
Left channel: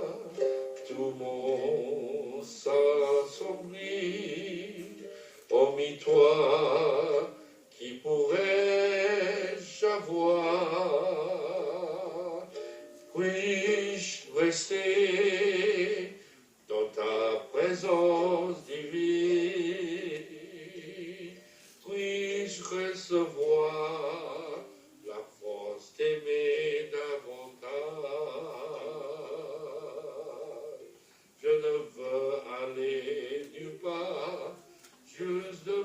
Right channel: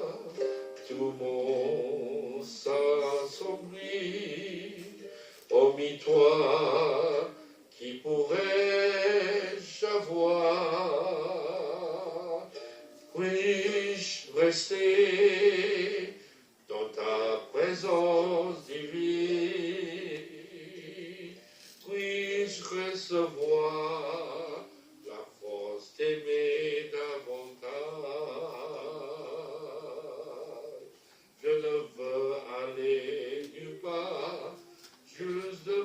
tout mon s'assombrit. Hormis toi, qui pourrais-je avoir? Puis-je rester dans ta présence divine? Puis-je recevoir la force d'aimer davantage? Je ne veux aller nulle part, juste de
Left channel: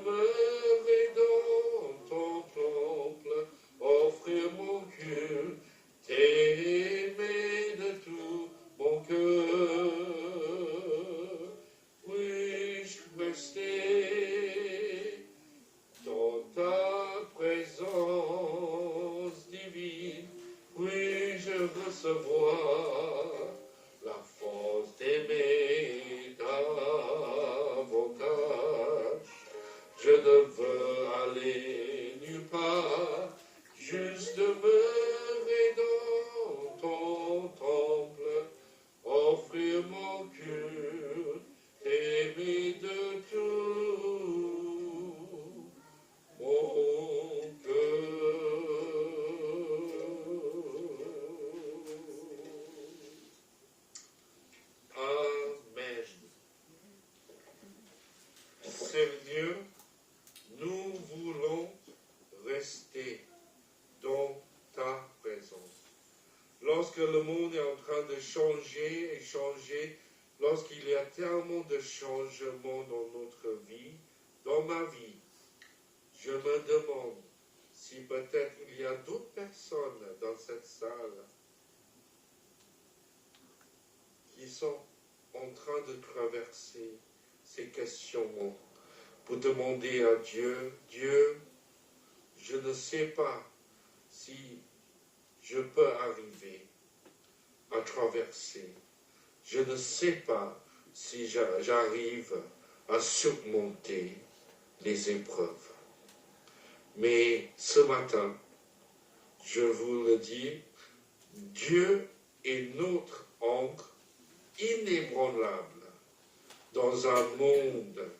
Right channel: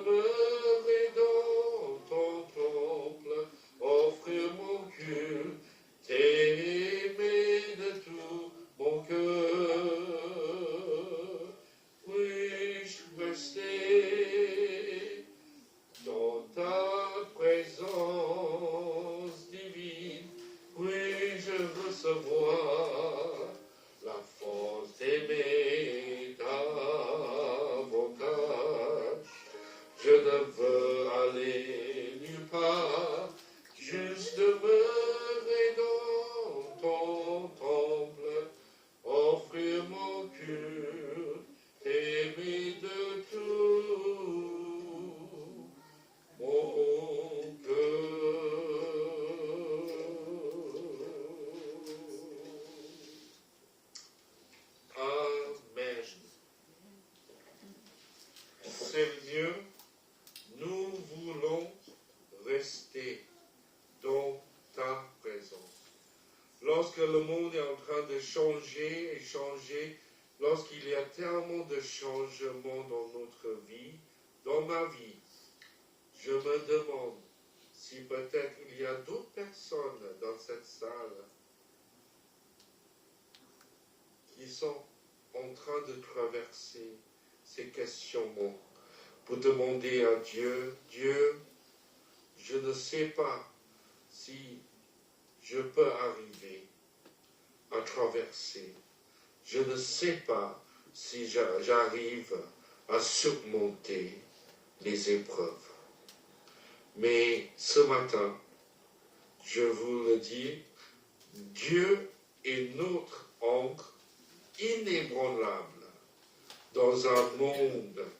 Seigneur, nous voulons rester dans ta présence. Lorsque le monde est en train de changer et changer, lorsqu'il y a tellement de changements dans notre vie, dans ma vie, je me demande si peut-être il y a d'autres personnes dans cette salle qui sont en train de traverser ces questionnements pour demander à Dieu, Dieu, je ne sais pas si je peux arriver à traverser. Je ne sais pas si j'arrive à surmonter les épreuves. Mais ce matin, je vous le dis, Dieu est notre ancre inébranlable dans un monde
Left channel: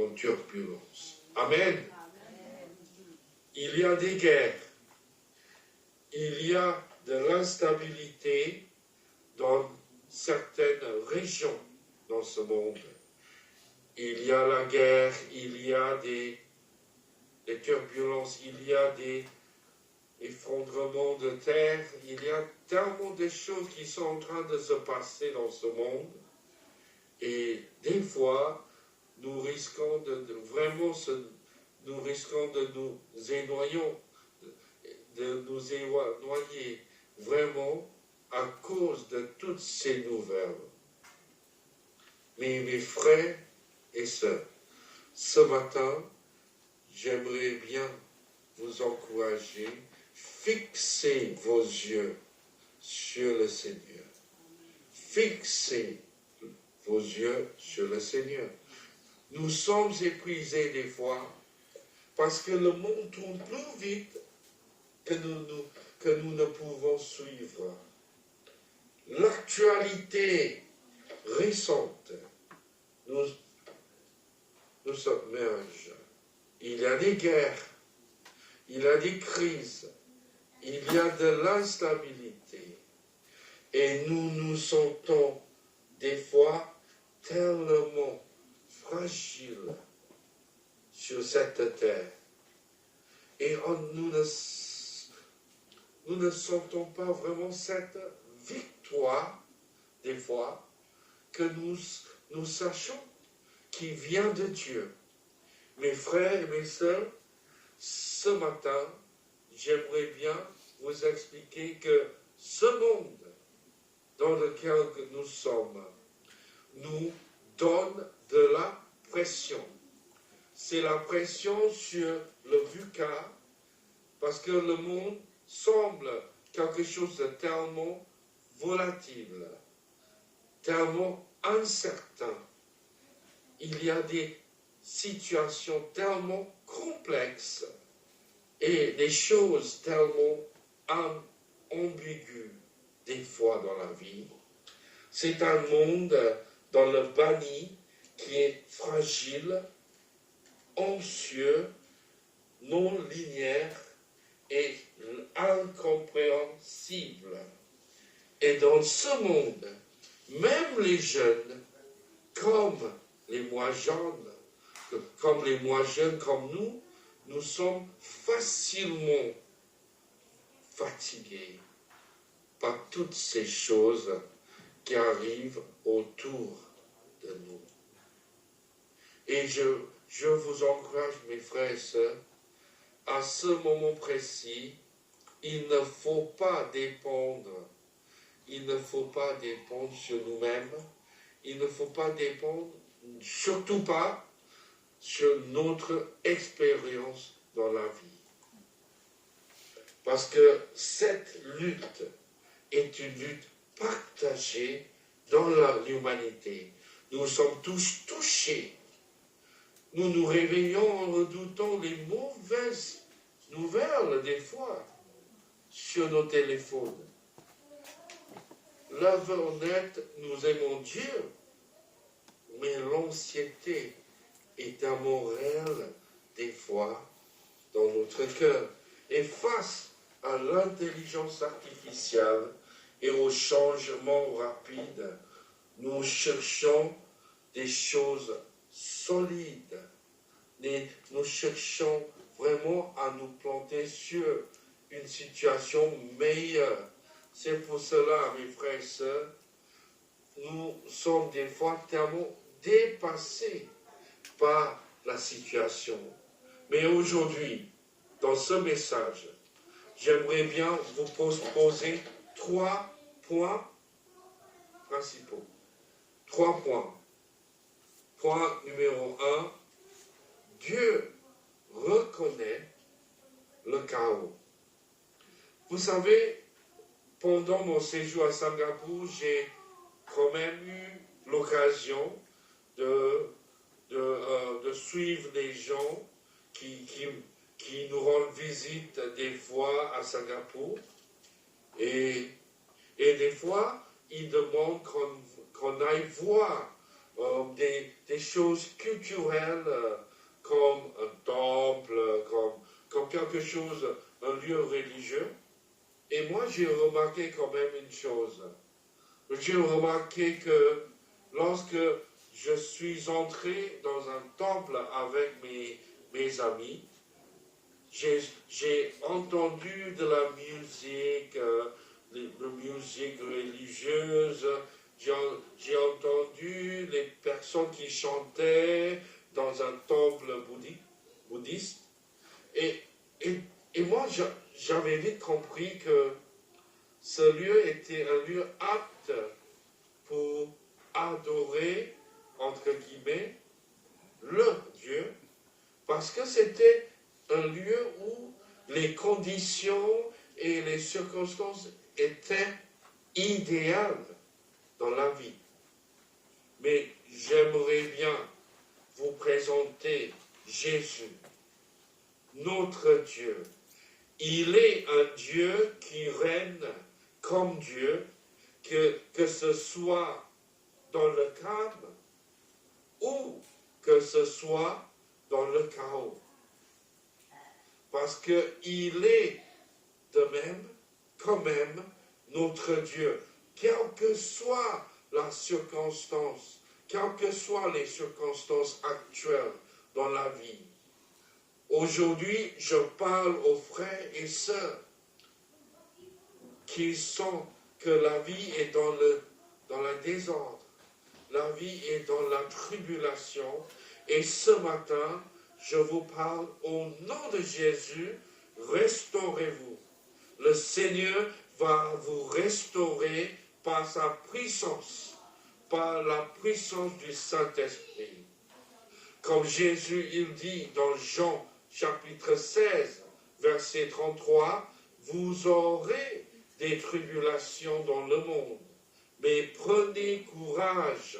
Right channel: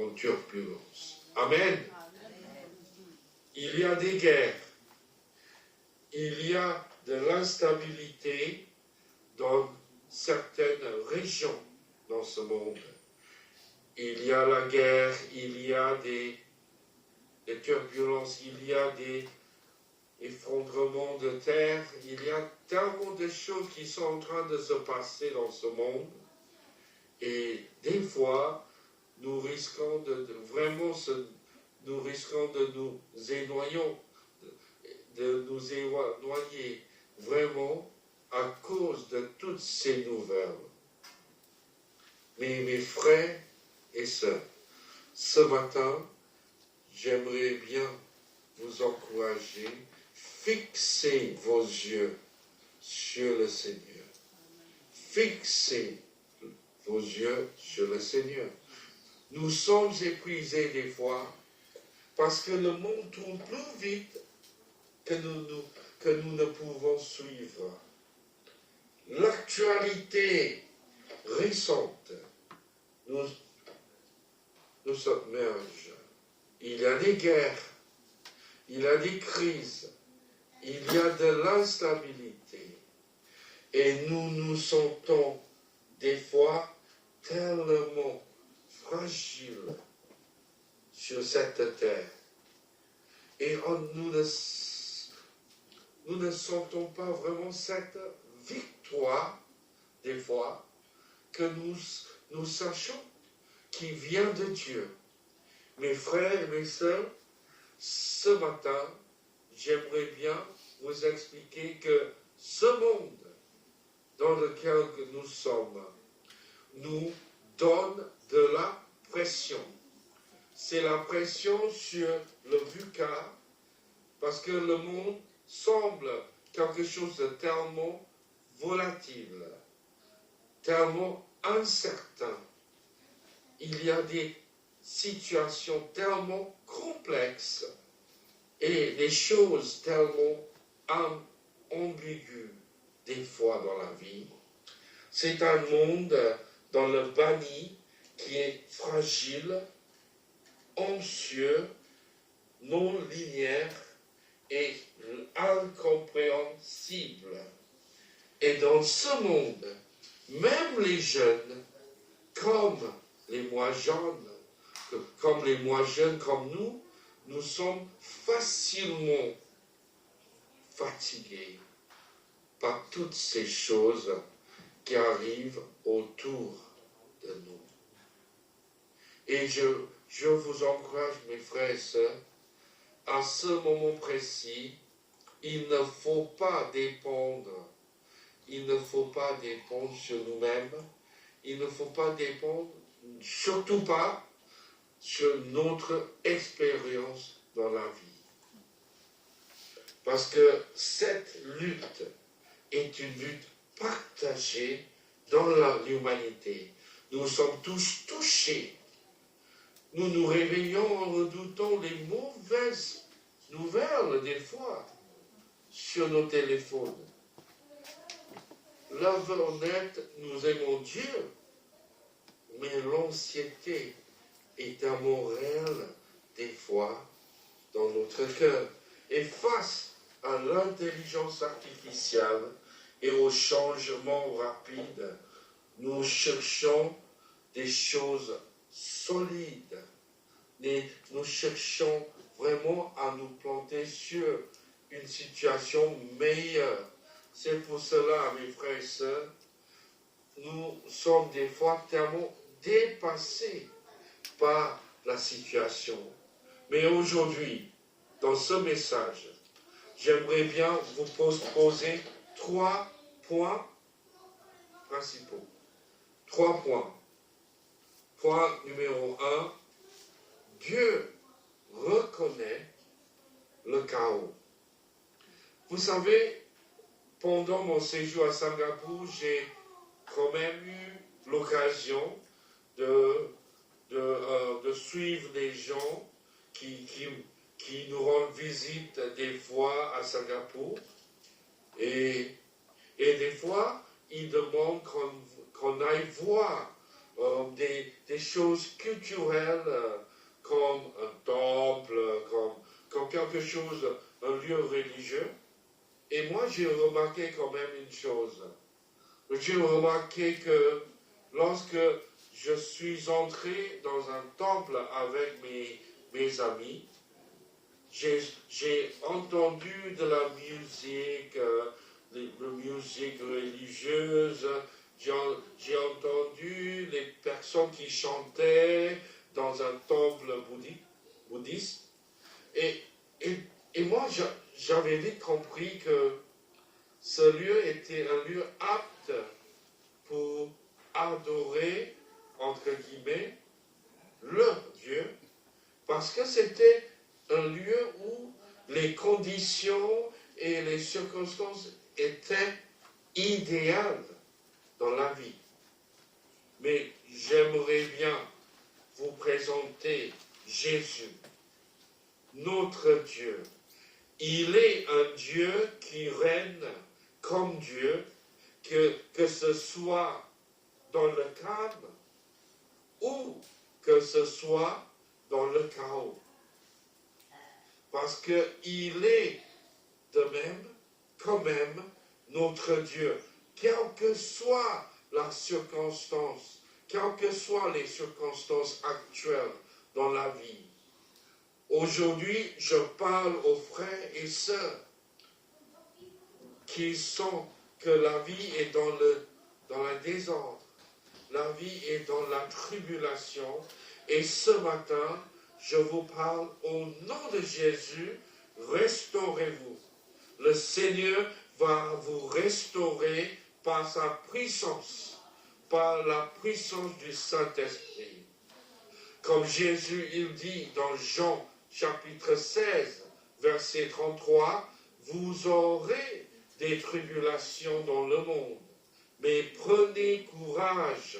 en turbulence. Amen. Il y a des guerres, il y a de l'instabilité dans certaines régions dans ce monde. Il y a la guerre, il y a des turbulences, il y a des effondrements de terre, il y a tellement de choses qui sont en train de se passer dans ce monde. Et des fois, nous risquons de nous éloigner vraiment à cause de toutes ces nouvelles. Mais mes frères et sœurs, ce matin, j'aimerais bien vous encourager, fixez vos yeux sur le Seigneur. Fixez vos yeux sur le Seigneur. Nous sommes épuisés des fois parce que le monde tourne plus vite que nous ne pouvons suivre. L'actualité récente nous submerge. Il y a des guerres, il y a des crises, il y a de l'instabilité. Et nous nous sentons des fois tellement fragiles sur cette terre. Et nous ne sentons pas vraiment cette victoire, des fois, que nous sachons qui vient de Dieu. Mes frères et mes sœurs, ce matin, j'aimerais bien vous expliquer que ce monde dans lequel nous sommes nous donne de la pression. C'est la pression sur le VUCA parce que le monde semble quelque chose de tellement volatile, tellement incertain. Il y a des situations tellement complexes et des choses tellement ambiguës des fois dans la vie. C'est un monde dans le banni qui est fragile, anxieux, non linéaire et incompréhensible. Et dans ce monde, même les jeunes, comme les moins jeunes, comme nous sommes facilement fatigués par toutes ces choses qui arrivent autour de nous. Et je vous encourage, mes frères et sœurs, à ce moment précis, il ne faut pas dépendre sur nous-mêmes, il ne faut pas dépendre, surtout pas, sur notre expérience dans la vie. Parce que cette lutte est une lutte partagée dans l'humanité. Nous sommes tous touchés. Nous nous réveillons en redoutant les mauvaises nouvelles des fois sur nos téléphones. La honnête, nous aimons Dieu, mais l'anxiété est tellement réelle des fois dans notre cœur. Et face à l'intelligence artificielle et aux changements rapides, nous cherchons des choses solides mais nous cherchons vraiment à nous planter sur une situation meilleure. C'est pour cela, mes frères et sœurs, nous sommes des fois tellement dépassés par la situation. Mais aujourd'hui, dans ce message, j'aimerais bien vous poser 3 points principaux. 3 points. Point numéro 1, Dieu reconnaît le chaos. Vous savez, pendant mon séjour à Singapour, j'ai quand même eu l'occasion de suivre les gens qui nous rendent visite des fois à Singapour. Et des fois, ils demandent qu'on aille voir des choses culturelles comme un temple, comme quelque chose, un lieu religieux. Et moi, j'ai remarqué quand même une chose. J'ai remarqué que lorsque je suis entré dans un temple avec mes amis, j'ai entendu de la musique, musique religieuse, j'ai entendu les personnes qui chantaient dans un temple bouddhiste. Et moi, j'avais vite compris que ce lieu était un lieu apte pour adorer, entre guillemets, leur Dieu, parce que c'était un lieu où les conditions et les circonstances étaient idéales dans la vie. Mais j'aimerais bien vous présenter Jésus, notre Dieu. Il est un Dieu qui règne comme Dieu, que ce soit dans le calme ou que ce soit dans le chaos. Parce qu'il est de même, quand même, notre Dieu. Quelle que soit la circonstance, quelles que soient les circonstances actuelles dans la vie. Aujourd'hui, je parle aux frères et sœurs qui sentent que la vie est dans la désordre, la vie est dans la tribulation. Et ce matin, je vous parle au nom de Jésus, restaurez-vous. Le Seigneur va vous restaurer par sa puissance, par la puissance du Saint-Esprit. Comme Jésus, il dit dans Jean chapitre 16, verset 33, vous aurez des tribulations dans le monde, mais prenez courage,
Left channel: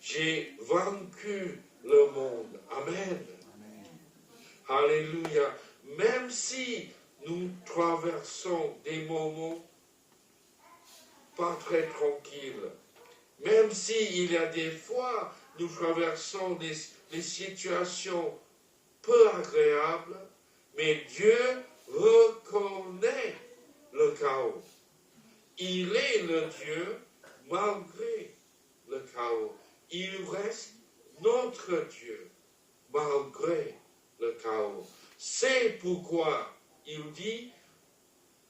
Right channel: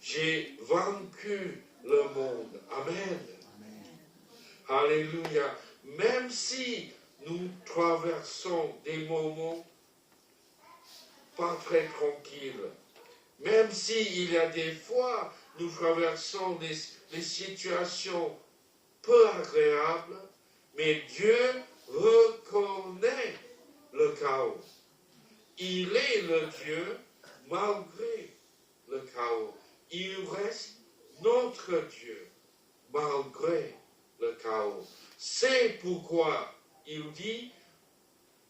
j'ai vaincu le monde. Amen. Alléluia. Même si nous traversons des moments pas très tranquilles, même s'il y a des fois nous traversons des situations peu agréables, mais Dieu reconnaît le chaos. Il est le Dieu malgré le chaos. Il reste notre Dieu malgré le chaos. C'est pourquoi il dit,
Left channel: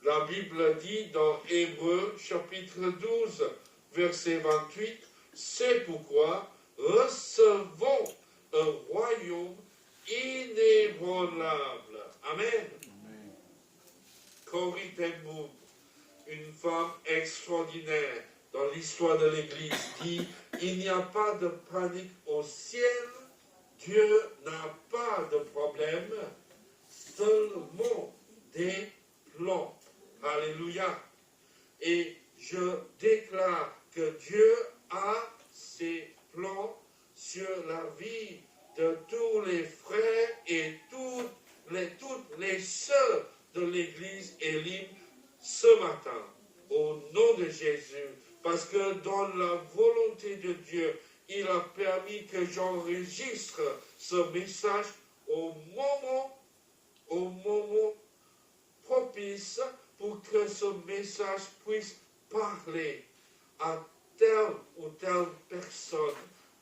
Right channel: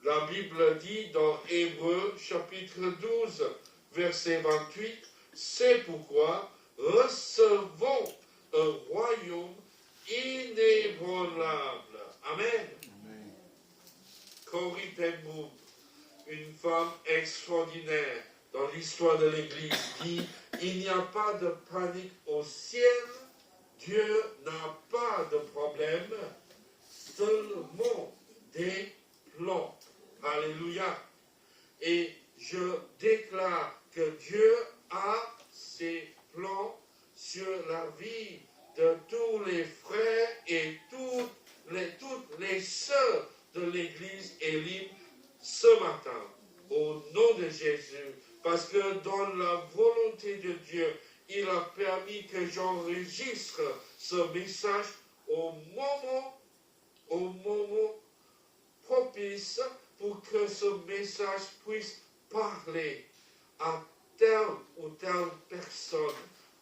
la Bible dit dans Hébreux chapitre 12, verset 28, c'est pourquoi recevons un royaume inébranlable. Amen. Amen. Corrie ten Boom, une femme extraordinaire dans l'histoire de l'Église, dit, il n'y a pas de panique au ciel, Dieu n'a pas de problème, seulement des plans. Alléluia. Et je déclare que Dieu a ses plans sur la vie de tous les frères et toutes les sœurs de l'Église Élim ce matin, au nom de Jésus, parce que dans la volonté de Dieu, il a permis que j'enregistre ce message au moment propice pour que ce message puisse parler à telle ou telle personne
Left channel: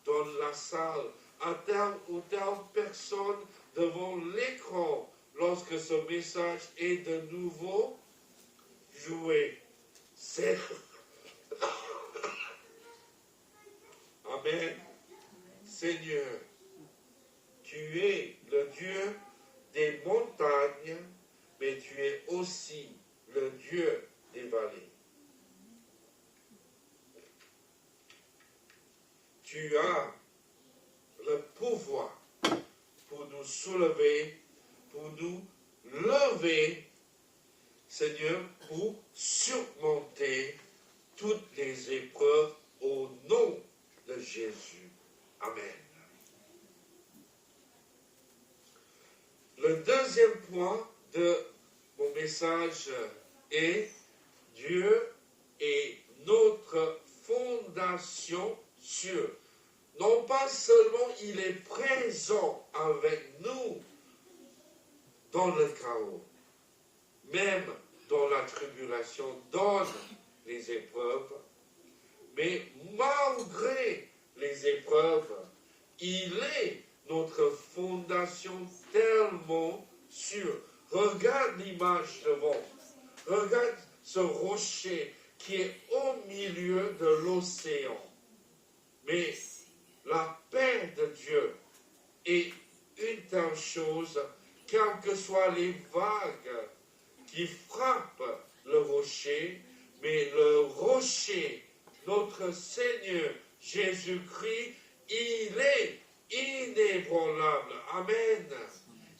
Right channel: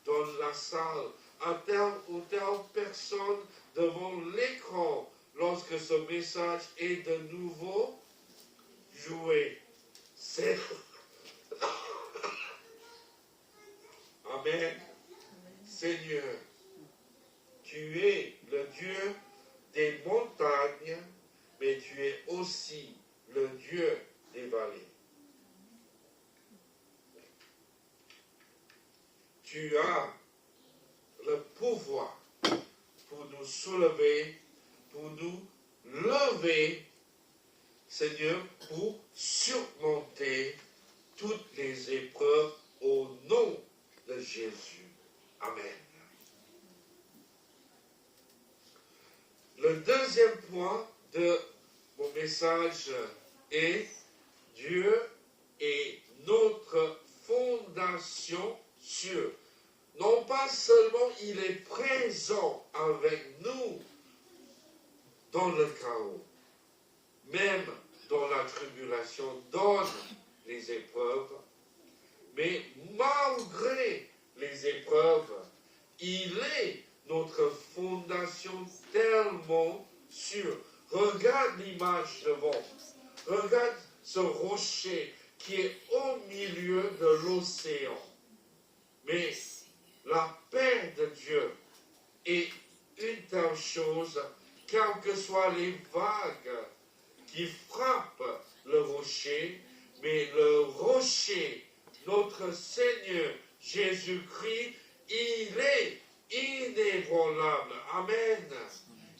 dans la salle à telle ou telle personne devant l'écran lorsque ce message est de nouveau joué. C'est... Amen. Seigneur, tu es le Dieu des montagnes, mais tu es aussi le Dieu des vallées. Tu as le pouvoir pour nous soulever, pour nous lever, Seigneur, pour surmonter toutes les épreuves au nom de Jésus. Amen. Le deuxième point de mon message est Dieu est notre fondation sûre. Non pas seulement il est présent avec nous dans le chaos, même dans la tribulation, dans les épreuves, mais malgré les épreuves, il est notre fondation tellement sûre. Regarde l'image devant. Regarde ce rocher qui est au milieu de l'océan. Mais la paix de Dieu est une telle chose, quelles que soient les vagues qui frappent le rocher, mais le rocher, notre Seigneur Jésus-Christ, il est inébranlable. Amen.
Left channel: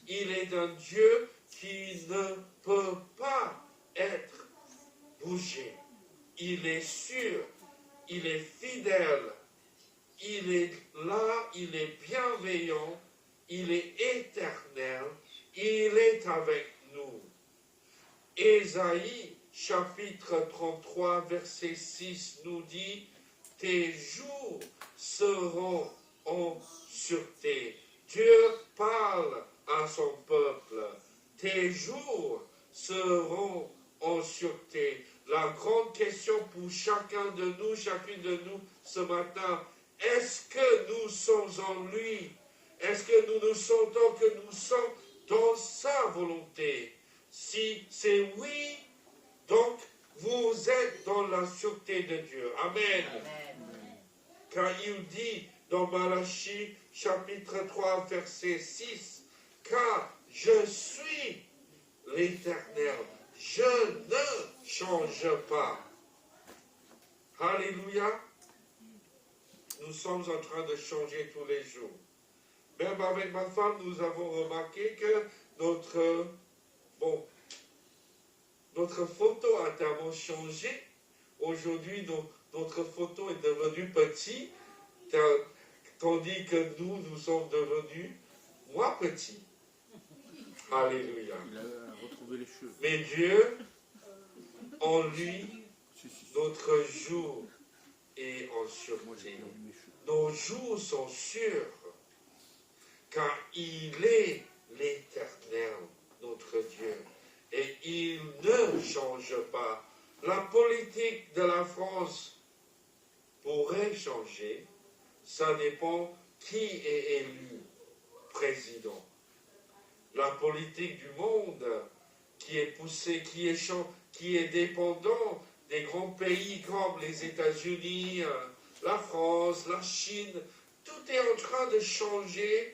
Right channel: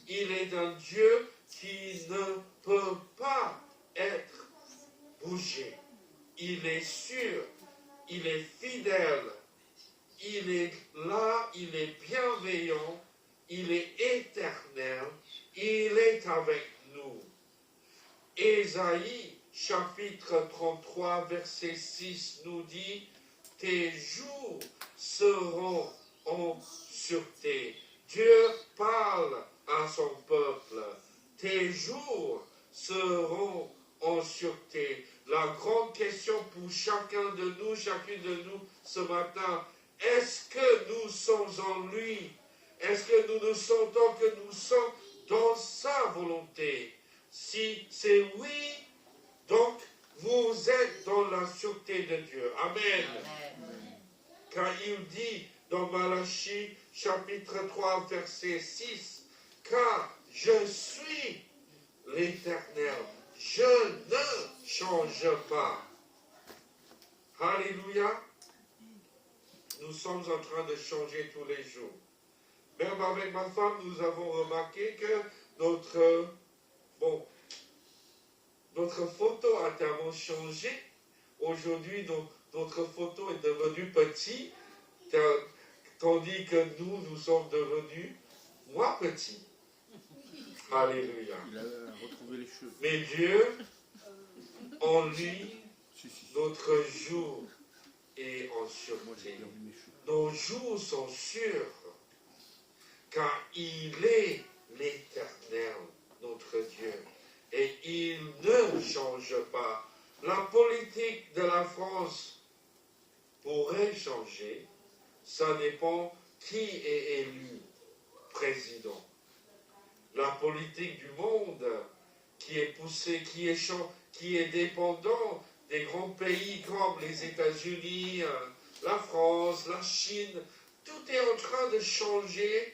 Il est un Dieu qui ne peut pas être bougé. Il est sûr, il est fidèle, il est là, il est bienveillant, il est éternel, il est avec nous. Ésaïe, chapitre 33, verset 6 nous dit, « Tes jours seront en sûreté. » Dieu parle à son peuple. « Tes jours seront en sûreté. » La grande question pour chacun de nous, chacune de nous ce matin, est-ce que nous sommes en lui? Est-ce que nous nous sentons que nous sommes dans sa volonté? Si c'est oui, donc vous êtes dans la sûreté de Dieu. Amen. Car il dit dans Malachie chapitre 3 verset 6, car je suis l'Éternel, je ne change pas. Alléluia. Nous sommes en train de changer tous les jours. Même avec ma femme, nous avons remarqué que notre photo a tellement changé. Aujourd'hui, notre photo est devenue petite, tandis que nous sommes devenus moins petits. Alléluia. Il a retrouvé les cheveux. Mais Dieu, en lui, notre jour est en Moi, j'ai sûreté. perdu mes cheveux. Nos jours sont sûrs, car il est l'Éternel, notre Dieu, et il ne change pas. La politique de la France pourrait changer, ça dépend qui est élu président. La politique du monde qui est poussée, qui est dépendant des grands pays comme les États-Unis, la France, la Chine, tout est en train de changer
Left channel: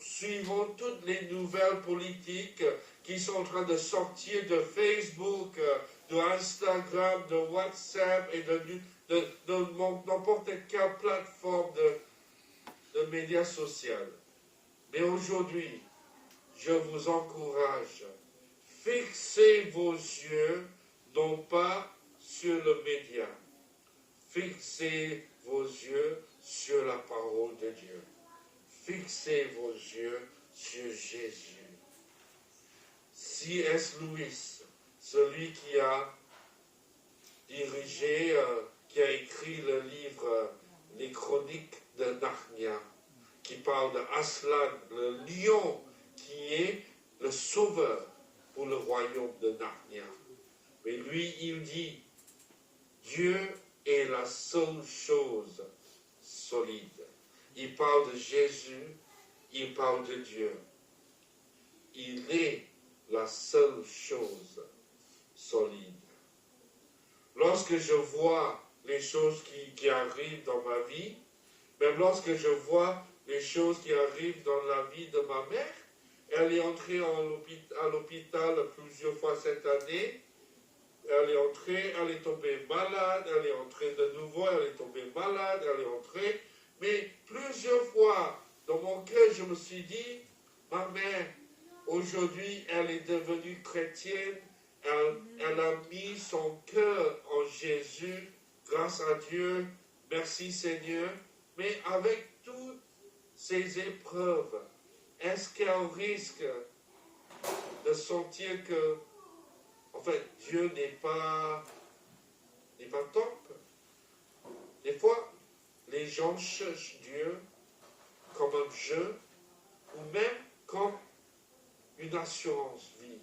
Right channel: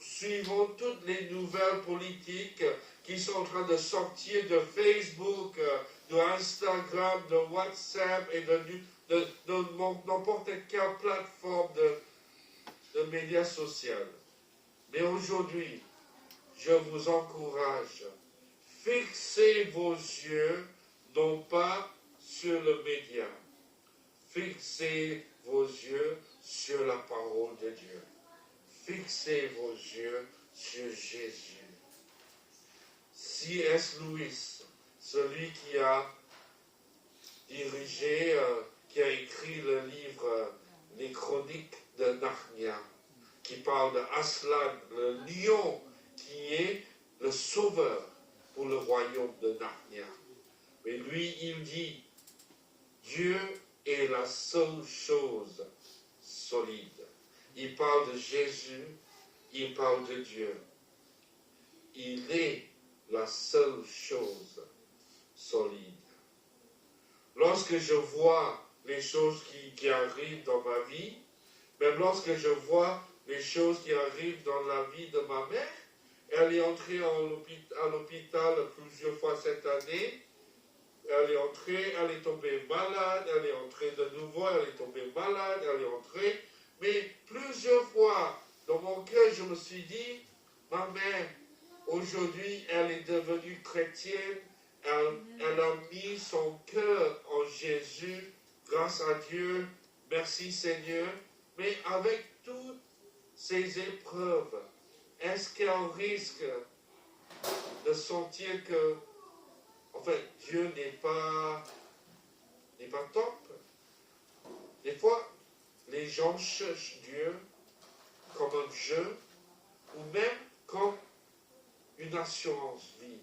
suivant toutes les nouvelles politiques qui sont en train de sortir de Facebook, de Instagram, de WhatsApp et de n'importe quelle plateforme de médias sociaux. Mais aujourd'hui, je vous encourage, fixez vos yeux non pas sur le média, fixez vos yeux sur la parole de Dieu. Fixez vos yeux sur Jésus. C.S. Lewis, celui qui a dirigé, qui a écrit le livre Les Chroniques de Narnia, qui parle de Aslan, le lion, qui est le sauveur pour le royaume de Narnia. Mais lui, il dit, Dieu est la seule chose solide. il parle de Jésus, il parle de Dieu. Il est la seule chose solide. Lorsque je vois les choses qui arrivent dans ma vie, même lorsque je vois les choses qui arrivent dans la vie de ma mère, elle est entrée à l'hôpital plusieurs fois cette année. Elle est entrée, elle est tombée malade, elle est entrée de nouveau, elle est tombée malade, elle est entrée. Mais plusieurs fois, dans mon cœur, je me suis dit, ma mère, aujourd'hui, elle est devenue chrétienne, elle a mis son cœur en Jésus, grâce à Dieu, merci Seigneur. Mais avec toutes ces épreuves, est-ce qu'elle risque de sentir que, en fait, Dieu n'est pas top? Des fois, les gens cherchent Dieu comme un jeu ou même comme une assurance vie.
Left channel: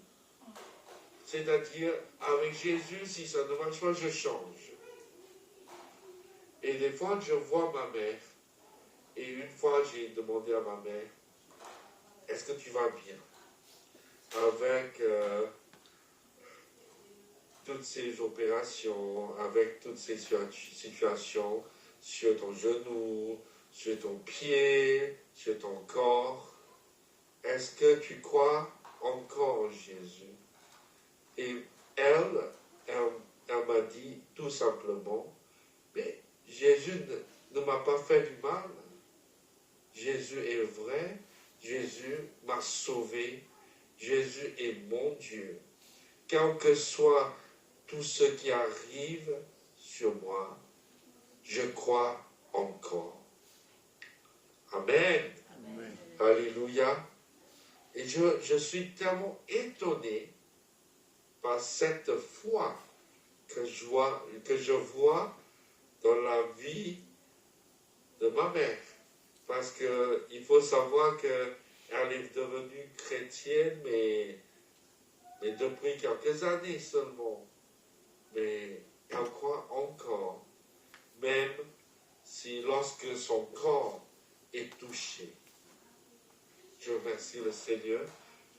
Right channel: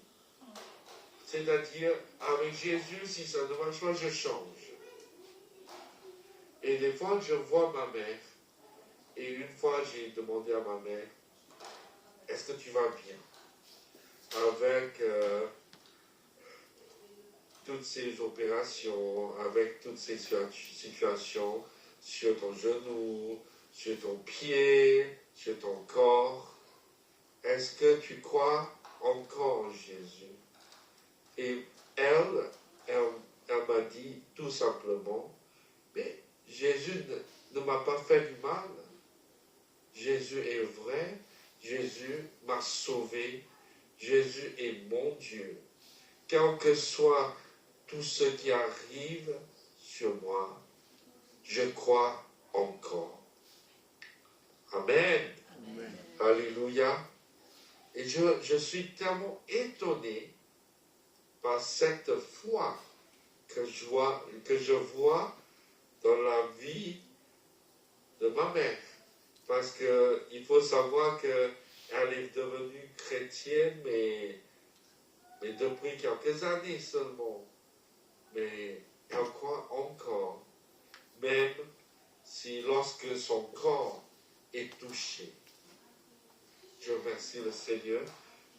C'est-à-dire, avec Jésus, si ça ne marche pas, je change. Et des fois, je vois ma mère, et une fois, j'ai demandé à ma mère, est-ce que tu vas bien? Avec toutes ces opérations, avec toutes ces situations sur ton genou, sur ton pied, sur ton corps, est-ce que tu crois encore en Jésus? Et elle m'a dit tout simplement, mais Jésus ne m'a pas fait du mal. Jésus est vrai, Jésus m'a sauvé, Jésus est mon Dieu. Quel que soit tout ce qui arrive sur moi, je crois encore. Amen. Amen. Alléluia. Et je suis tellement étonné par cette foi que je vois dans la vie de ma mère. Parce qu'il faut savoir qu'elle est devenue chrétienne, mais depuis quelques années seulement. Mais elle croit encore, même si lorsque son corps est touché. Je remercie le Seigneur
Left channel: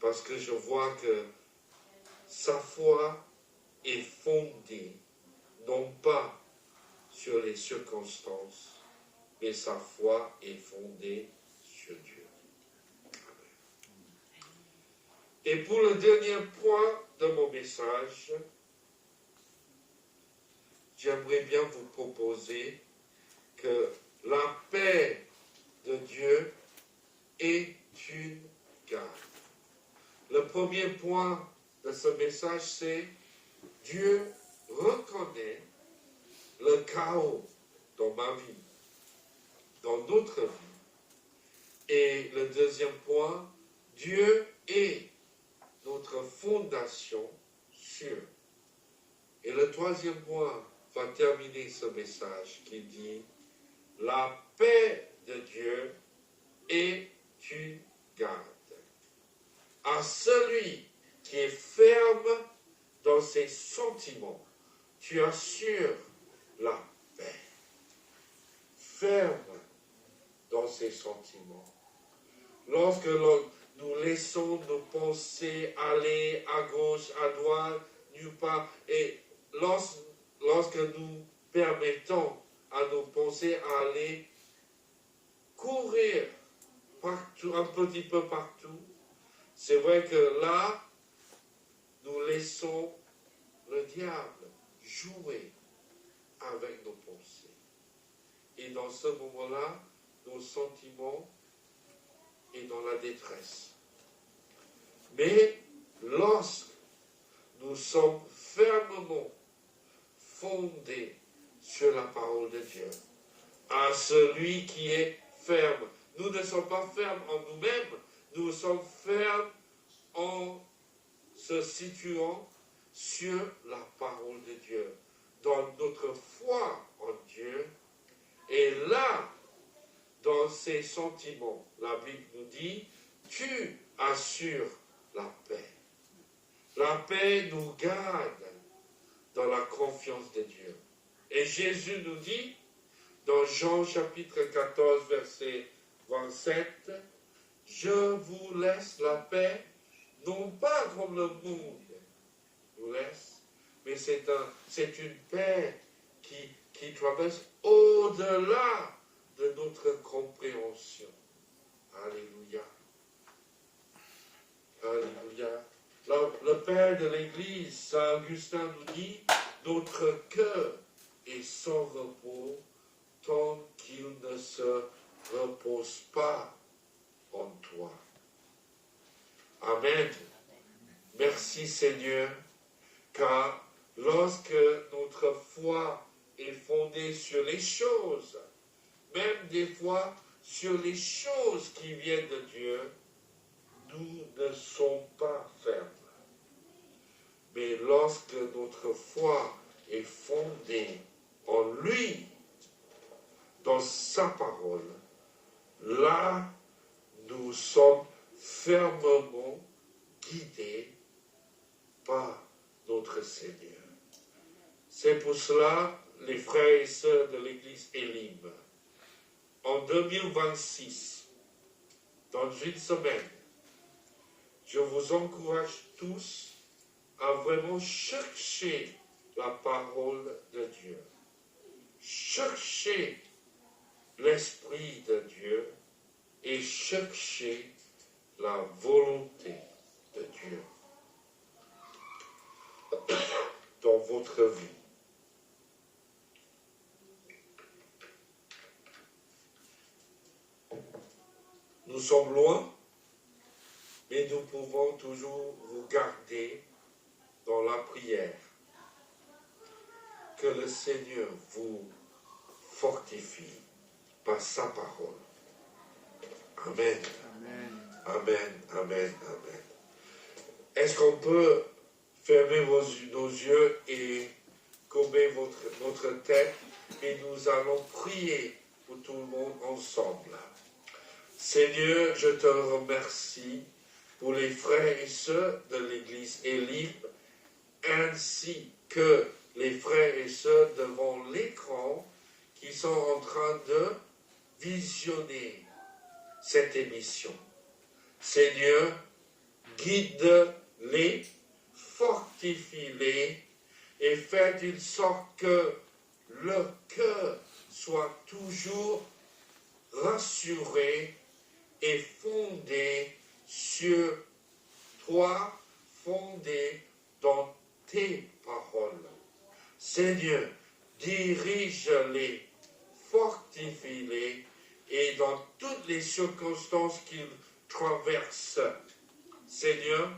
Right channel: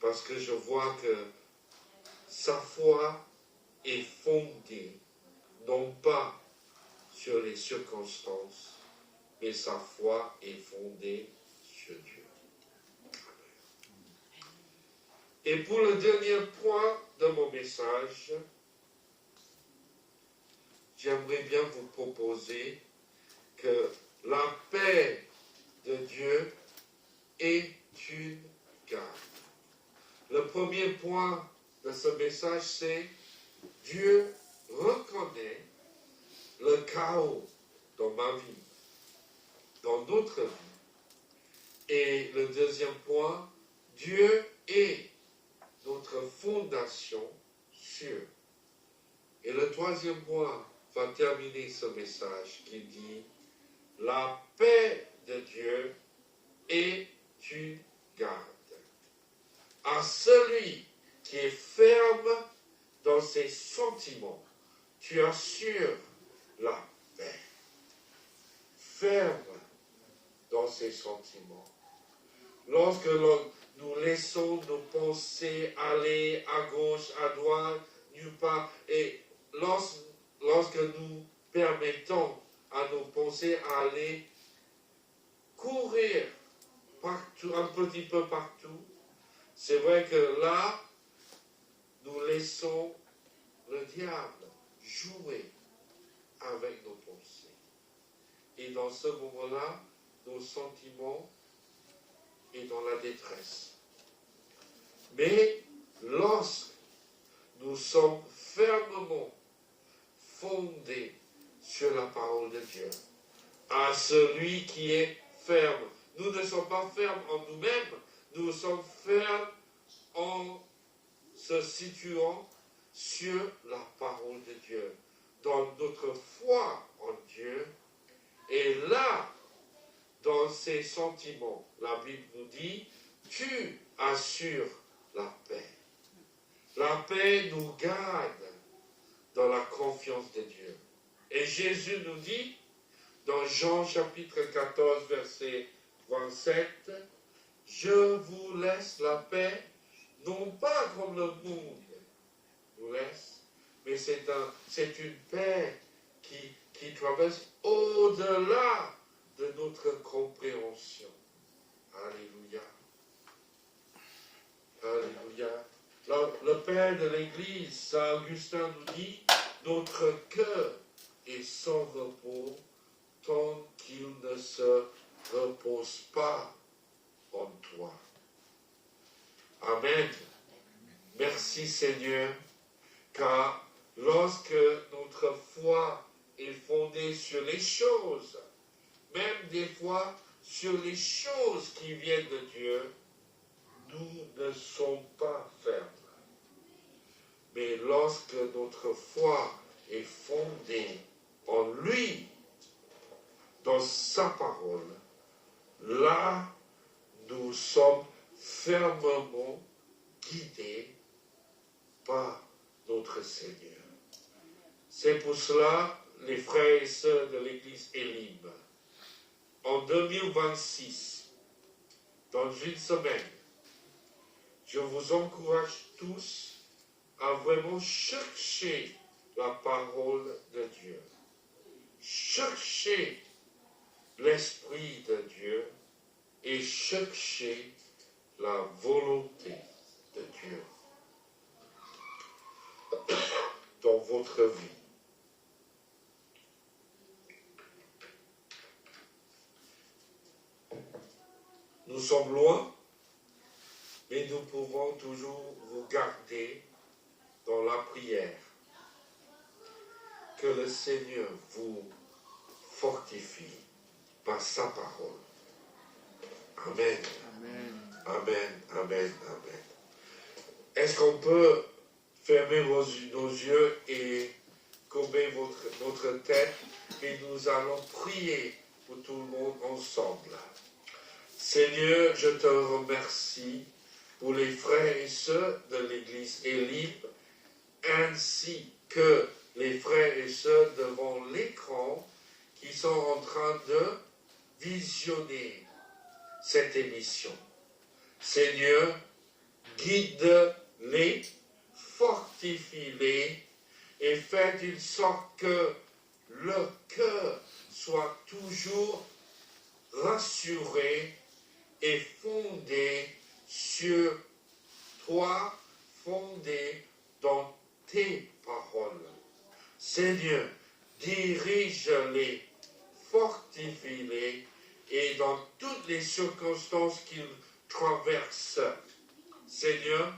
parce que je vois que sa foi est fondée, non pas sur les circonstances, mais sa foi est fondée sur Dieu. Et pour le dernier point de mon message, j'aimerais bien vous proposer que la paix de Dieu est une garde. Le premier point de ce message, c'est Dieu reconnaît le chaos dans ma vie, dans notre vie. Et le deuxième point, Dieu est notre fondation sûre. Et le troisième point va terminer ce message qui dit la paix de Dieu est une garde. À celui qui est ferme dans ses sentiments, tu assures la paix. Ferme dans ses sentiments. Lorsque nous laissons nos pensées aller à gauche, à droite, nulle part, et lorsque nous permettons à nos pensées aller courir partout, un petit peu partout, c'est vrai que là, nous laissons le diable jouer avec nos pensées. Et dans ce moment-là, nos sentiments sont dans la détresse. Mais lorsque nous sommes fermement fondés sur la parole de Dieu, à celui qui est ferme, nous ne sommes pas fermes en nous-mêmes, nous sommes fermes en se situant sur la parole de Dieu, dans notre foi en Dieu. Et là, dans ces sentiments, la Bible nous dit, tu assures la paix. La paix nous garde dans la confiance de Dieu. Et Jésus nous dit, dans Jean chapitre 14, verset 27, « Je vous laisse la paix, non pas comme le monde nous laisse, mais c'est une paix qui traverse au-delà de notre compréhension. » Alléluia. Alléluia. Le Père de l'Église, Saint Augustin, nous dit, « Notre cœur est sans repos tant qu'il ne se repose pas en toi. » Amen. Merci Seigneur, car lorsque notre foi est fondée sur les choses, même des fois sur les choses qui viennent de Dieu, nous ne sommes pas fermes. Mais lorsque notre foi est fondée en lui, dans sa parole, là, nous sommes fermement guidés par notre Seigneur. C'est pour cela, les frères et sœurs de l'Église Elim, en 2026, dans une semaine, je vous encourage tous à vraiment chercher la parole de Dieu. Chercher l'Esprit de Dieu et chercher la volonté de Dieu dans votre vie. Nous sommes loin, mais nous pouvons toujours vous garder dans la prière. Que le Seigneur vous fortifie par sa parole. Amen. Amen. Amen. Amen. Amen. Est-ce qu'on peut fermer nos yeux et courber notre tête et nous allons prier pour tout le monde ensemble. Seigneur, je te remercie pour les frères et sœurs de l'Église Elim, ainsi que les frères et sœurs devant l'écran qui sont en train de visionner cette émission. Seigneur, guide-les, fortifie-les et faites une sorte que leur cœur soit toujours rassuré et fondé sur toi, fondé dans tes paroles. Seigneur, dirige-les, fortifie-les et dans toutes les circonstances qu'ils traversent. Seigneur,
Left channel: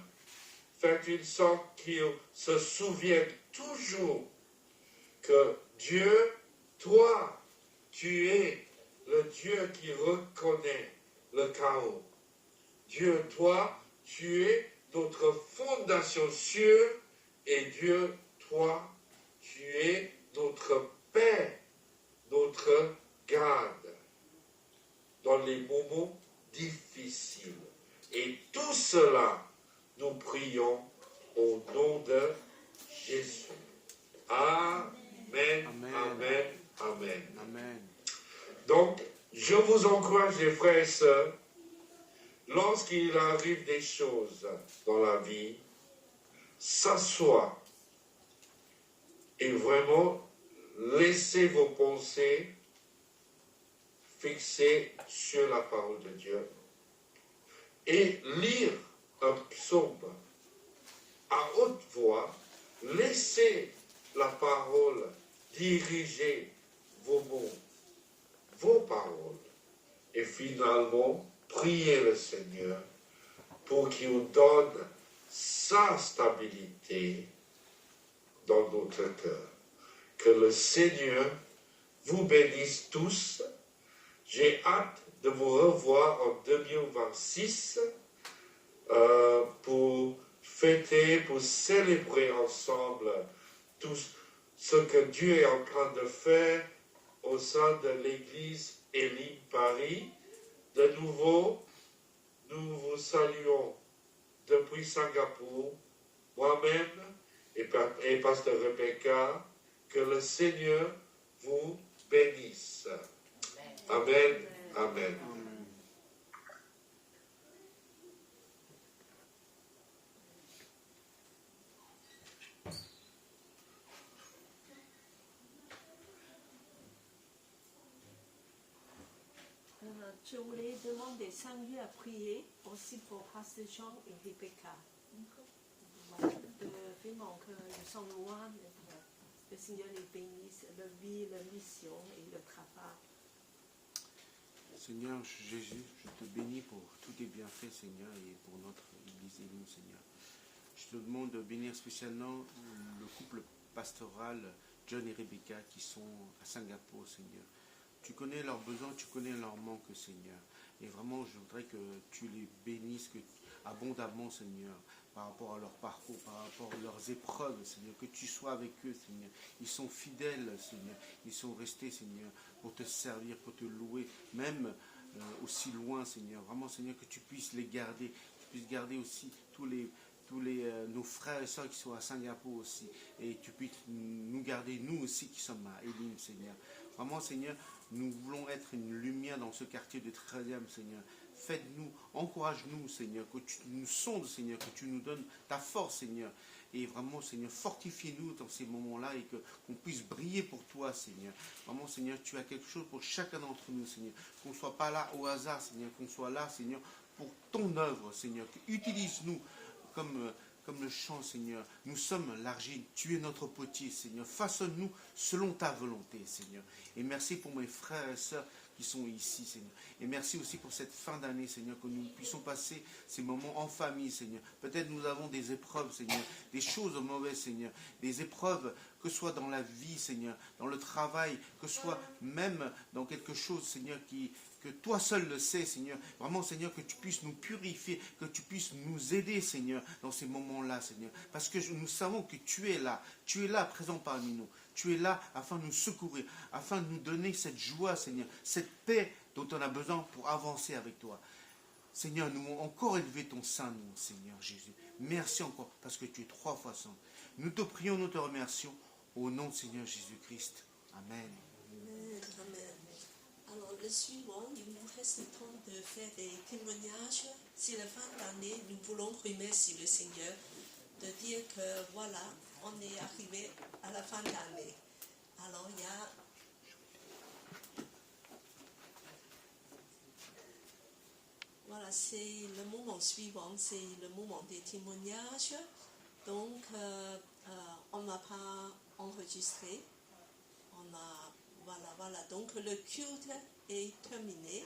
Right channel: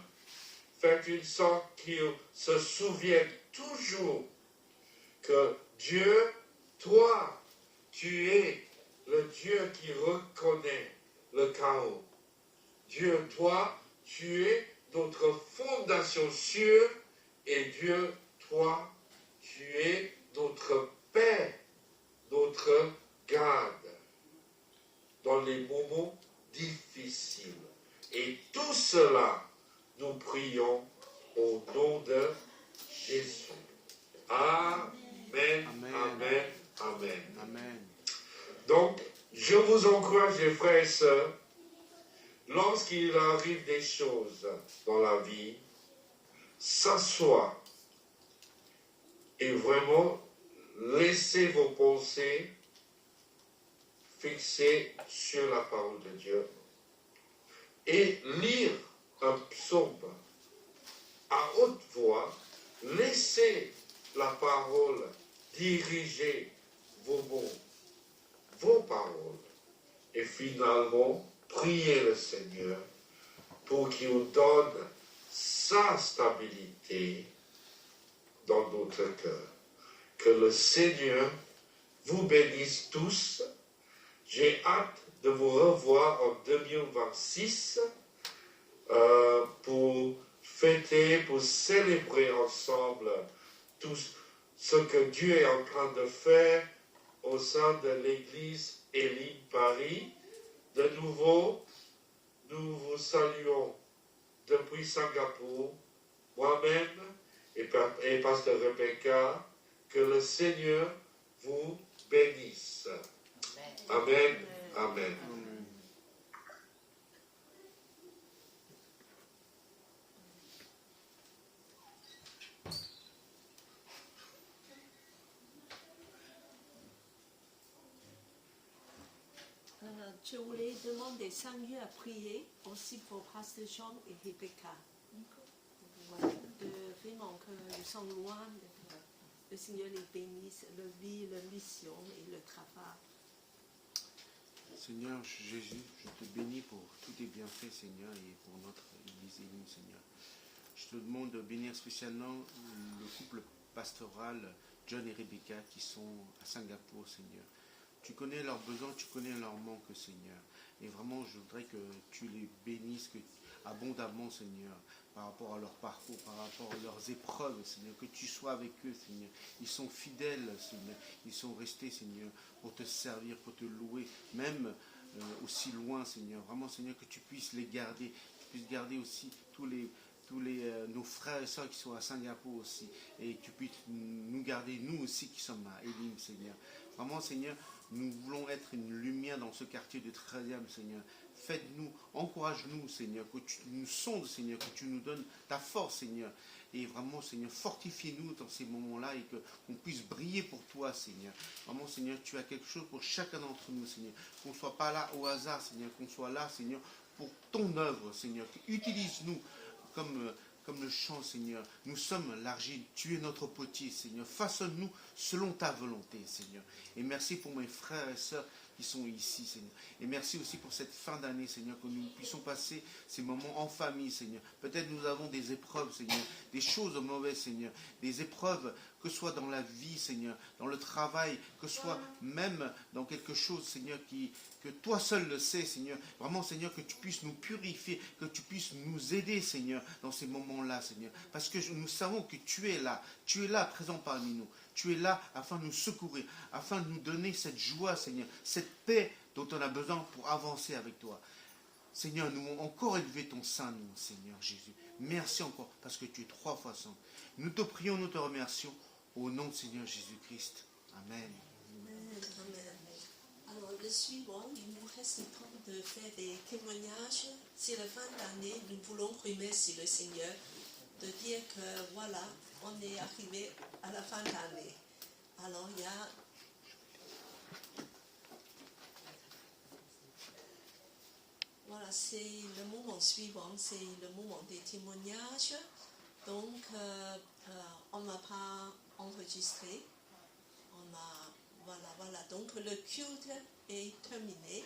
faites une sorte qu'ils se souviennent toujours que Dieu, toi, tu es le Dieu qui reconnaît le chaos. Dieu, toi, tu es notre fondation sûre et Dieu, toi, tu es notre Père, notre garde dans les moments difficiles. Et tout cela, nous prions au nom de Jésus. Amen, Amen. amen, amen. Amen. Donc, je vous encourage, les frères et sœurs, lorsqu'il arrive des choses dans la vie, s'asseoir et vraiment laisser vos pensées fixées sur la parole de Dieu et lire un psaume à haute voix, laissez la parole diriger vos mots, vos paroles, et finalement, priez le Seigneur pour qu'il nous donne sa stabilité dans notre cœur. Que le Seigneur vous bénisse tous. J'ai hâte de vous revoir en 2026 pour fêter, pour célébrer ensemble tout ce que Dieu est en train de faire au sein de l'Église Elim Paris. De nouveau, nous vous saluons depuis Singapour, moi-même et Pasteur Rebecca. Que le Seigneur vous bénisse. Amen. Amen. Amen. Je voulais demander 5 lieux à prier aussi pour Pasteur Jean et Rebecca. Voilà, vraiment que le sont loin, le Seigneur les bénisse, leur vie, leur mission et leur travail. Seigneur Jésus, je te bénis pour tous tes bienfaits, Seigneur, et pour notre Église et nous, Seigneur. Je te demande de bénir spécialement le couple pastoral John et Rebecca qui sont à Singapour, Seigneur. Tu connais leurs besoins, tu connais leurs manques, Seigneur. Et vraiment, je voudrais que tu les bénisses abondamment, Seigneur, par rapport à leur parcours, par rapport à leurs épreuves, Seigneur. Que tu sois avec eux, Seigneur. Ils sont fidèles, Seigneur. Ils sont restés, Seigneur, pour te servir, pour te louer, même aussi loin, Seigneur. Vraiment, Seigneur, que tu puisses les garder. Que tu puisses garder aussi nos frères et sœurs qui sont à Singapour aussi. Et que tu puisses nous garder, nous aussi qui sommes à Elim, Seigneur. Vraiment, Seigneur, nous voulons être une lumière dans ce quartier de 13e, Seigneur. Faites-nous, encourage-nous, Seigneur, que tu nous sondes, Seigneur, que tu nous donnes ta force, Seigneur. Et vraiment, Seigneur, fortifie-nous dans ces moments-là et qu'on puisse briller pour toi, Seigneur. Vraiment, Seigneur, tu as quelque chose pour chacun d'entre nous, Seigneur. Qu'on ne soit pas là au hasard, Seigneur, qu'on soit là, Seigneur, pour ton œuvre, Seigneur. Utilise-nous comme le chant, Seigneur. Nous sommes l'argile, tu es notre potier, Seigneur. Façonne-nous selon ta volonté, Seigneur. Et merci pour mes frères et sœurs qui sont ici, Seigneur. Et merci aussi pour cette fin d'année, Seigneur, que nous puissions passer ces moments en famille, Seigneur. Peut-être nous avons des épreuves, Seigneur, des choses mauvaises, Seigneur, des épreuves, que ce soit dans la vie, Seigneur, dans le travail, que ce soit même dans quelque chose, Seigneur, que toi seul le sais, Seigneur. Vraiment, Seigneur, que tu puisses nous purifier, que tu puisses nous aider, Seigneur, dans ces moments-là, Seigneur. Parce que nous savons que tu es là, présent parmi nous. Tu es là afin de nous secourir, afin de nous donner cette joie, Seigneur, cette paix dont on a besoin pour avancer avec toi. Seigneur, nous avons encore élevé ton saint nom, Seigneur Jésus. Merci encore, parce que tu es 3 fois saint. Nous te prions, nous te remercions, au nom de Seigneur Jésus-Christ. Amen. Amen. Alors, le suivant, il nous reste le temps de faire des témoignages. C'est la fin de l'année. Nous voulons remercier le Seigneur de dire que voilà, on est arrivé à la fin de l'année. Alors, il y a voilà, c'est le moment suivant, c'est le moment des témoignages. Donc, on n'a pas enregistré. Voilà. Donc, le culte est terminé.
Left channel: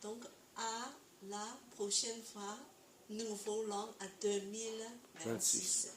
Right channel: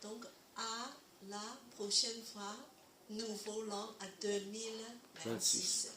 Donc, à la prochaine fois, nous volons à 2026.